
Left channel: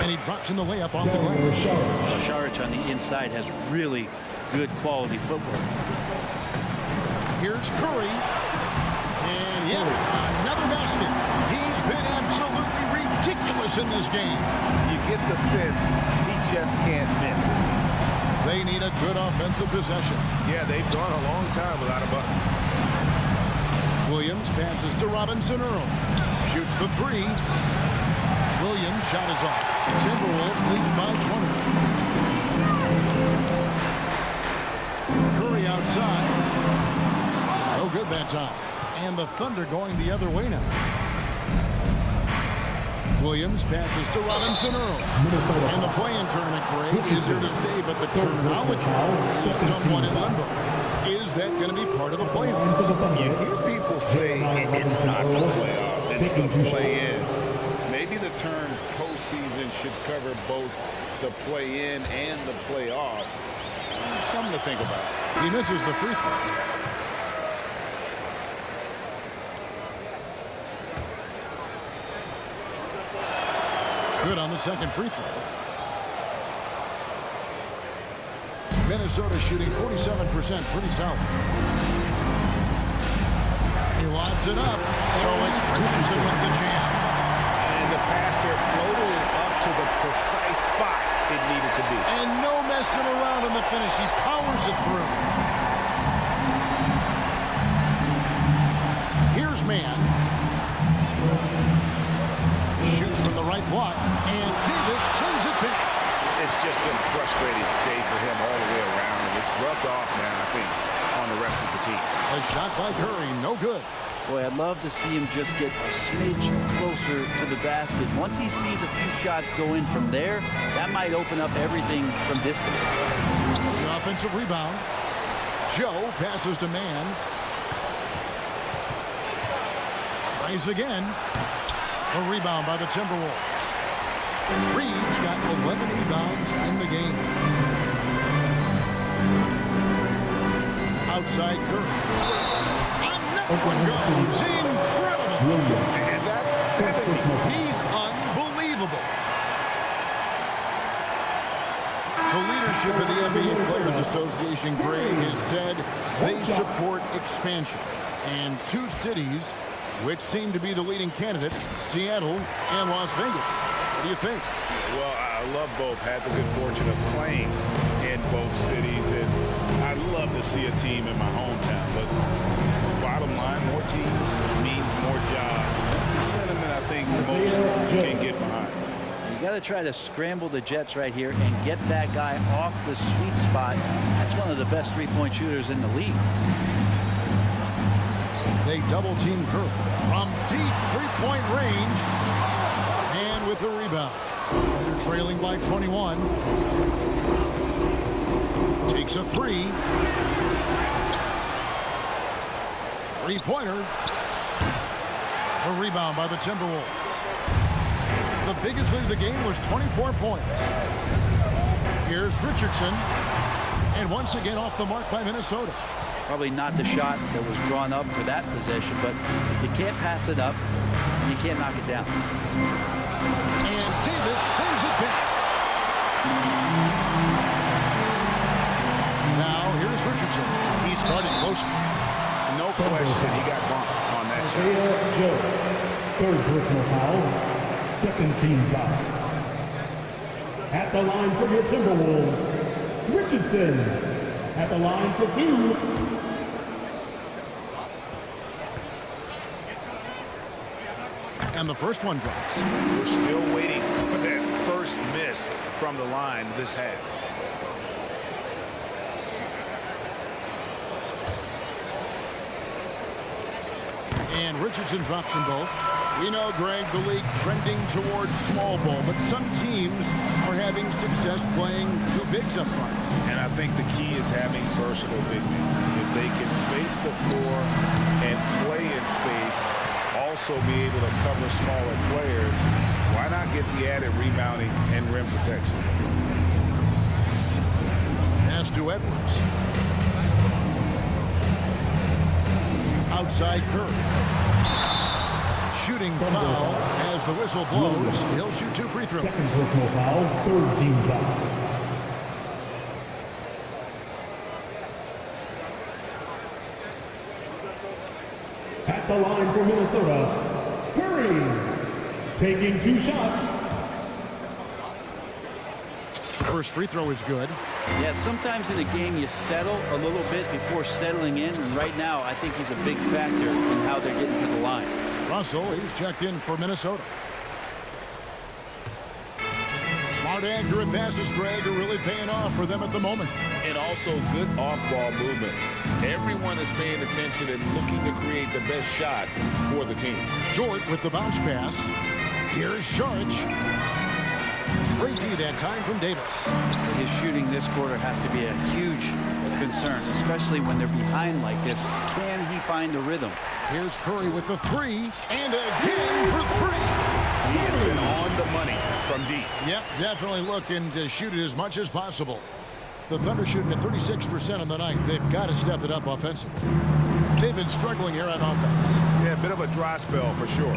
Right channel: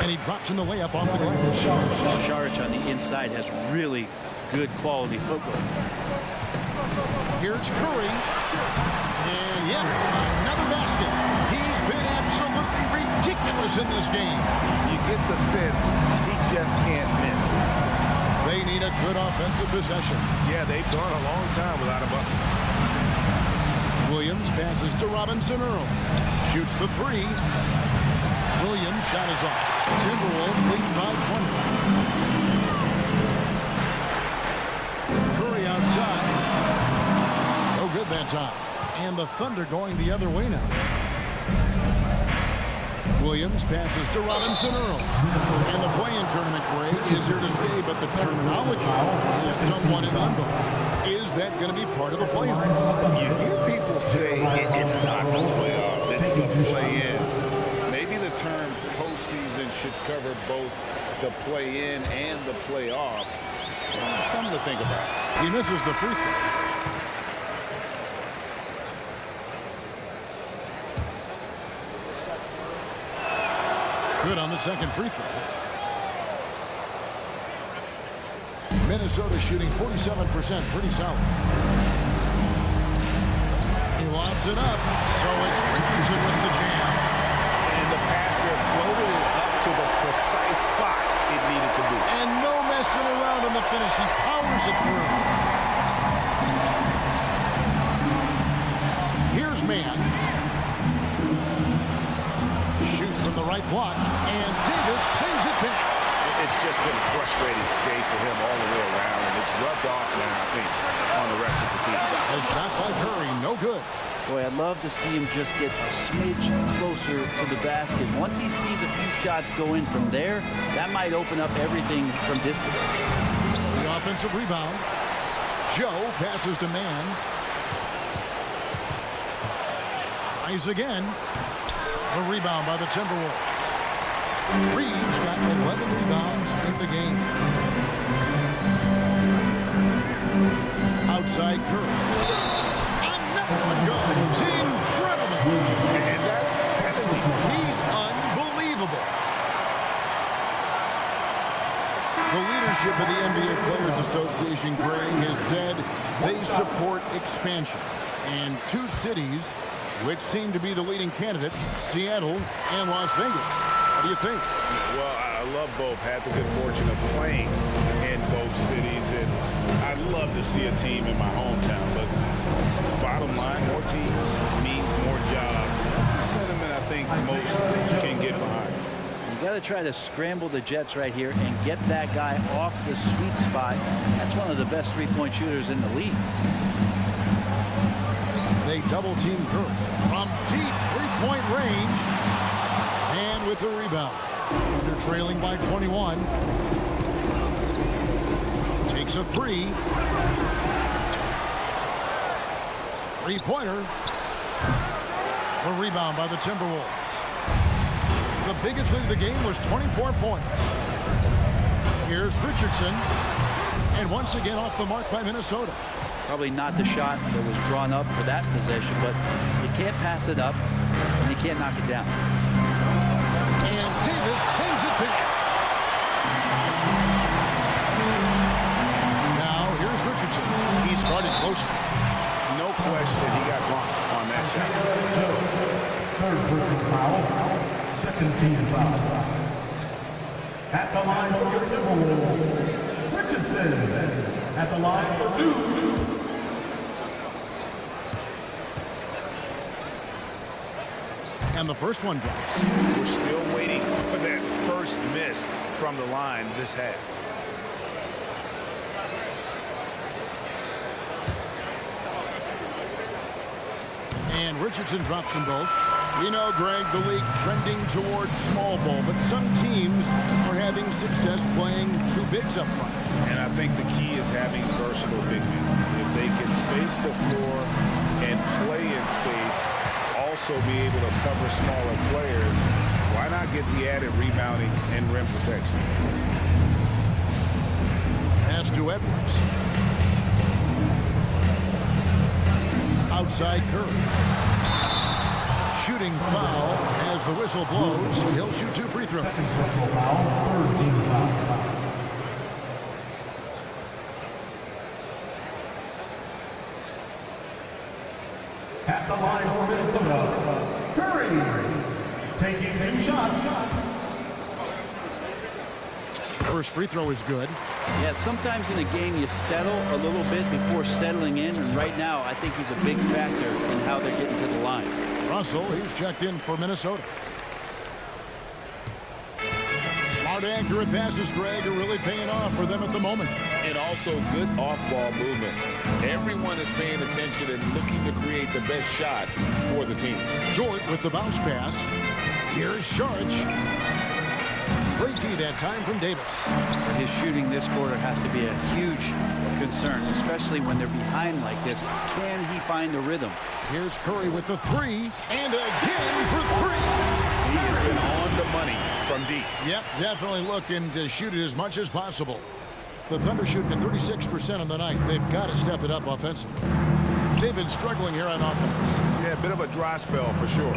And he drops in the layup off the glass. Well, Saric on the inside has really good quality footwork. Here's Curry. And yep, another basket. He's been absolutely ridiculous in this game. You get the sense he just can't miss. They need a good offensive possession. Yeah, they've gone a long time without a bucket. Williams passes to Robinson Earl. Shoots the 3. Williams' shot is off. Timberwolves lead by 20. Curry outside. No good that time. And the Thunder going the other way now. Williams passes to Robinson Earl. And the play-in tournament grade is here to stay, but the terminology is somewhat in limbo. Is that going to be part of the playoffs? You hear people say it's not the playoffs, it's the play-in. Maybe the term postseason should cover both the play-in and the playoff. Something to think about. He misses the free throw. Good on the second free throw. Minnesota shooting 47%, pretty solid. He lobs it up, so it's Richardson with the jam. And the pass there floated it up to the precise spot it needed to be. And no messing around on the finish. He powers it through. Here's Mann. Shoots from the right block, and Davis sends it back. It's just been a frustrating day for him all the way around, and it's rubbed off now, I think, on the rest of the team. A shot by Curry, no good. Boy, I'd love to see him just get a smidge closer to the basket. Once he sees a few shots go in from there, that might open up everything from distance. The offensive rebound. Joe passes to Mann. Tries again. A rebound by the Timberwolves. Reeves got 11 rebounds in the game. Outside Curry. Another one goes. Incredible. And that's 70. He's unbelievable. The leadership of the NBA Players Association, Greg, has said they support expansion. And two cities which seem to be the leading candidates, Seattle and Las Vegas. What do you think? Yeah, well, I love both. Had the good fortune of playing in both cities, and I'd love to see a team in my hometown. But bottom line, more teams means more jobs. And that's a sentiment I think most can get behind. You got to try to scramble the Jets right here and get that guy off the sweet spot. That's one of the best three-point shooters in the league. They double-team Curry from deep three-point range. And with the rebound. Under trailing by 21. Takes a 3. Three-pointer. The rebound by the Timberwolves. The biggest lead of the game was 24 points. Here's Richardson. And once again off the mark by Minnesota. Probably not the shot that was drawn up for that possession, but you can't pass it up and you can't knock it down. And Davis sends it back. Now here's Richardson. He's guarded closer. No question he got bumped on that shot. Joe, third personal foul, second team foul. At the line for your Timberwolves, Richardson. At the line for 2. And the first one drops. We're still waiting for that first miss from the line this half. And Richardson drops them both. We know, Greg, the league trending towards small ball, but some teams are having success playing two bigs up front. And I think the key is having versatile big men. If they can space the floor and play in space, also be able to cover smaller players, why not get the added rebounding and rim protection? Pass to Edwards. Outside Curry. Shooting foul as the whistle blows. He'll shoot 2 free throws. Second personal foul, third team foul. At the line for Minnesota, Curry, taking 2 shots. First free throw is good. Yeah, sometimes in a game you settle a little bit before settling in, and right now I think he's a big factor in how they're getting to the line. Russell, he's checked in for Minnesota. Smart, accurate passes, Greg, are really paying off for them at the moment. And also good off-ball movement. Everyone is paying attention and looking to create the best shot for the team. Jort with the bounce pass. Here's Sharch. Great D that time from Davis. His shooting this quarter has to be a huge concern, especially when they're behind like this. Can he find the rhythm? Here's Curry with the 3, and again for 3. He has been on the money from deep. Yep, definitely looking to shoot it as much as possible. The Thunder shooting at 36% on the night. They've got to step it up offensively. They've been struggling here on offense. Yeah, a bit of a dry spell for sure.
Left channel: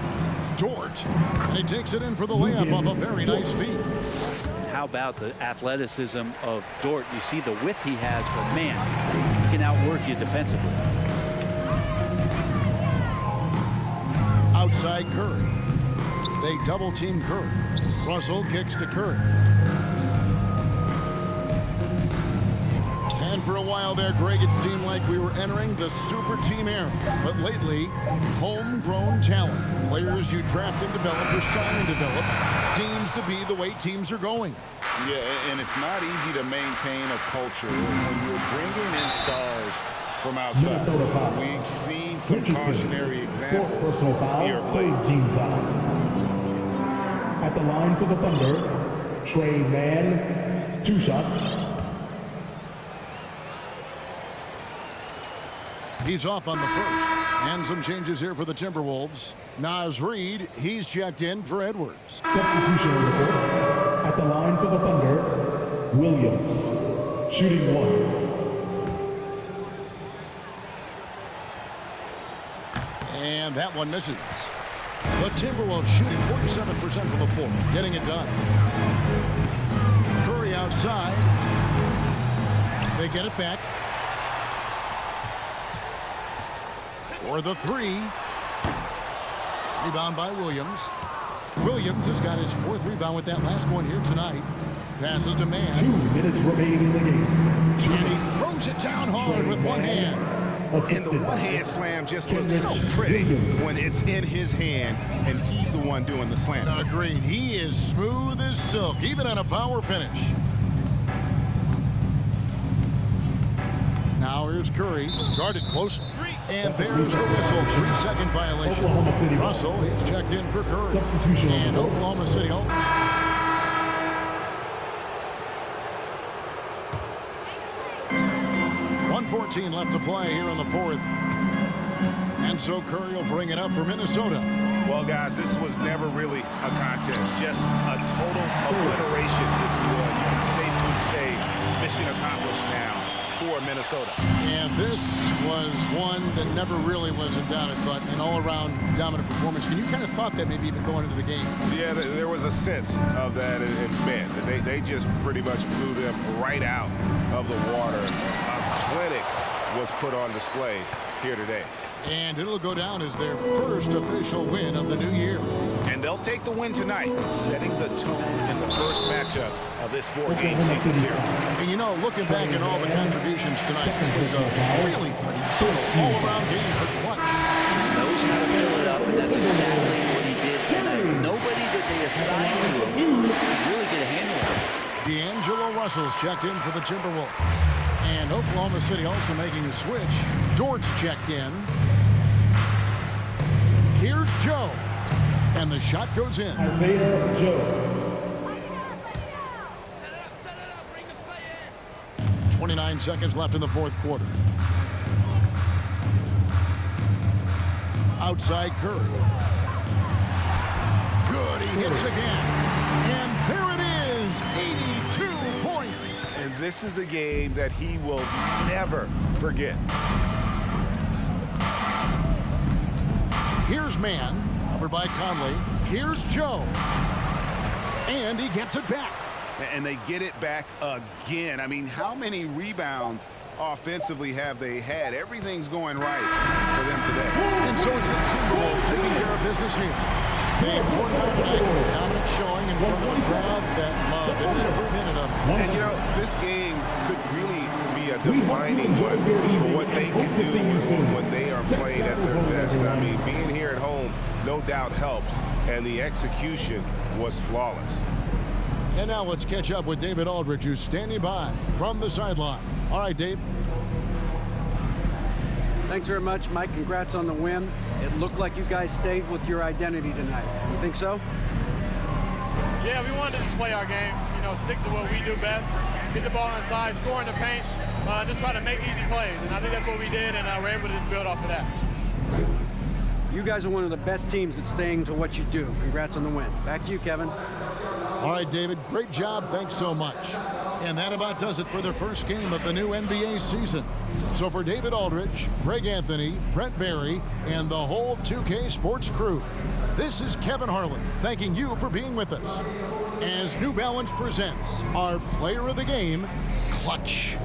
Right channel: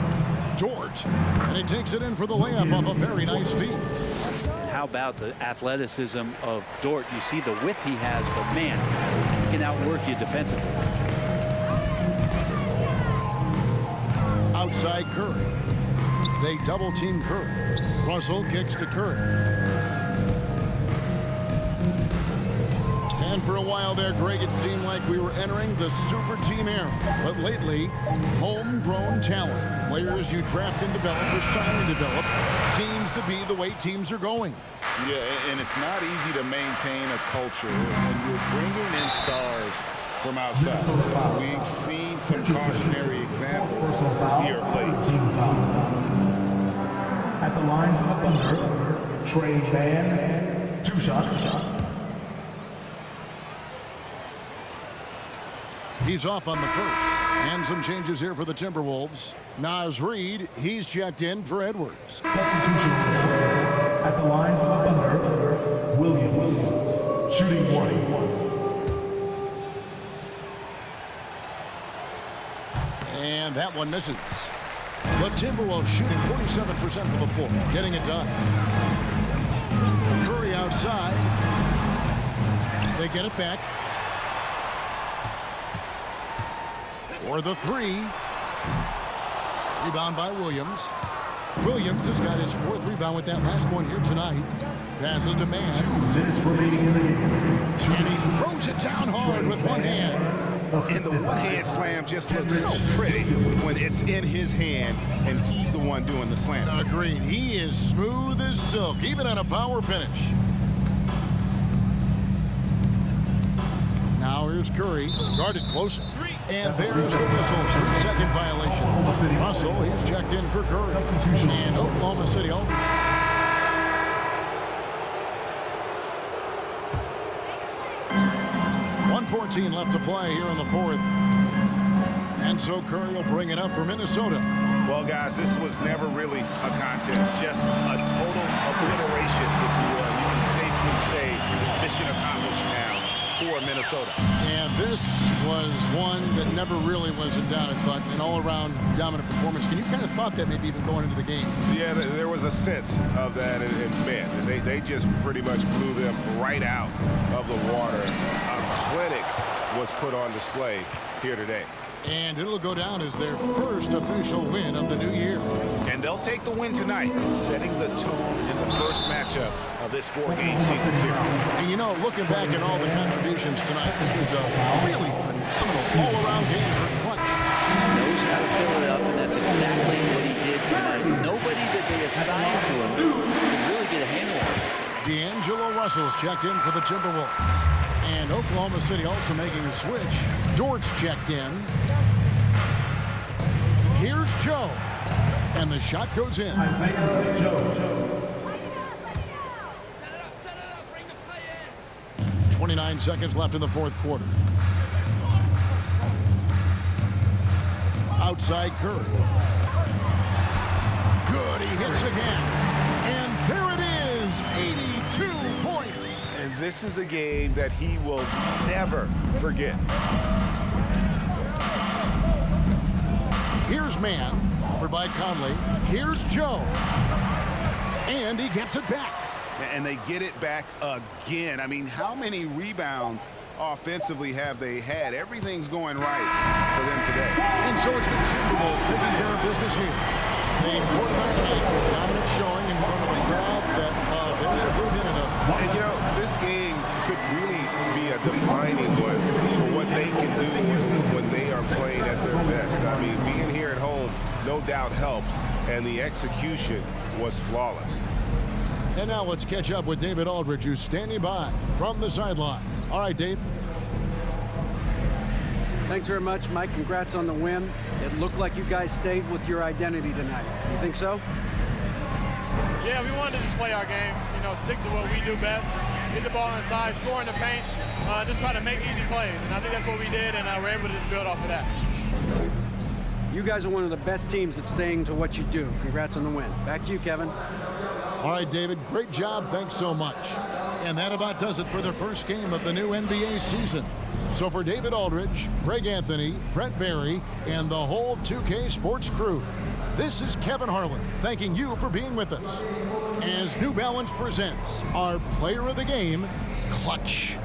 Dort, and he takes it in for the layup off a very nice feed. And how about the athleticism of Dort? You see the width he has, but man, he can outwork you defensively. Outside Curry. They double team Curry. Russell kicks to Curry. And for a while there, Greg, it seemed like we were entering the super team era. But lately, homegrown talent, players you draft and develop or sign and develop, seems to be the way teams are going. Yeah, and it's not easy to maintain a culture when you're bringing in stars from outside. We've seen some cautionary examples here of late. Team foul. At the line for the Thunder, Trey Mann, 2 shots. He's off on the first. And some changes here for the Timberwolves. Naz Reid, he's checked in for Edwards. Substitution report. At the line for the Thunder, Williams, shooting 1. And that one misses. The Timberwolves shooting 47% from the floor, getting it done. Curry outside. They get it back. For the 3. Rebound by Williams. Williams has got his 4th rebound with that last one here tonight. Passes to Mann. 2 minutes remaining in the game. And he throws it down hard with one hand. And the one-hand slam just looks so pretty when it's in his hand and he's the one doing the slam. Agreed. He is smooth as silk, even on a power finish. Now here's Curry, guarded close. And there's the whistle, 3-second violation. Russell, he's checked in for Curry. And Oklahoma City. 1:14 left to play here in the 4th. And so Curry will bring it up for Minnesota. Well, guys, this was never really a contest, just a total obliteration, if you will. You can safely say mission accomplished now for Minnesota. And this was one that never really was in doubt, I thought, an all-around dominant performance. And you kind of thought that maybe even going into the game. Yeah, there was a sense of that, and man, they just pretty much blew them right out of the water. A clinic was put on display here today. And it'll go down as their first official win of the new year. And they'll take the win tonight, setting the tone in the first matchup of this 4-game season series. And you know, looking back at all the contributions tonight, it was a really phenomenal all-around game for Clutch. Knows how to fill it up, and that's exactly what he did tonight. Nobody that they assigned to him could really get a handle on it. D'Angelo Russell's checked in for the Timberwolves. And Oklahoma City also making a switch. Dort's checked in. Here's Joe. And the shot goes in. Isaiah Joe. 29 seconds left in the fourth quarter. Outside Curry. Good, he hits again. And there it is, 82 points. And this is a game that he will never forget. Here's Mann, offered by Conley. Here's Joe. And he gets it back. And they get it back again. I mean, how many rebounds offensively have they had? Everything's going right for them today. And so it's the Timberwolves taking care of business here. They poured it on tonight, dominant showing in front of a crowd that loved every minute of it. And, you know, this game could really be a defining one for what they can do when they are playing at their best. I mean, being here at home no doubt helps, and the execution was flawless. And now let's catch up with David Aldridge, who's standing by from the sideline. All right, Dave. Thanks very much, Mike. Congrats on the win. It looked like you guys stayed with your identity tonight. You think so? Yeah, we wanted to just play our game, you know, stick to what we do best, get the ball inside, score in the paint, just try to make easy plays. And I think that's what we did, and we're able to just build off of that. You guys are one of the best teams at staying to what you do. Congrats on the win. Back to you, Kevin. All right, David, great job. Thanks so much. And that about does it for the first game of the new NBA season. So for David Aldridge, Greg Anthony, Brent Barry, and the whole 2K Sports crew, this is Kevin Harlan thanking you for being with us as New Balance presents our player of the game, Clutch.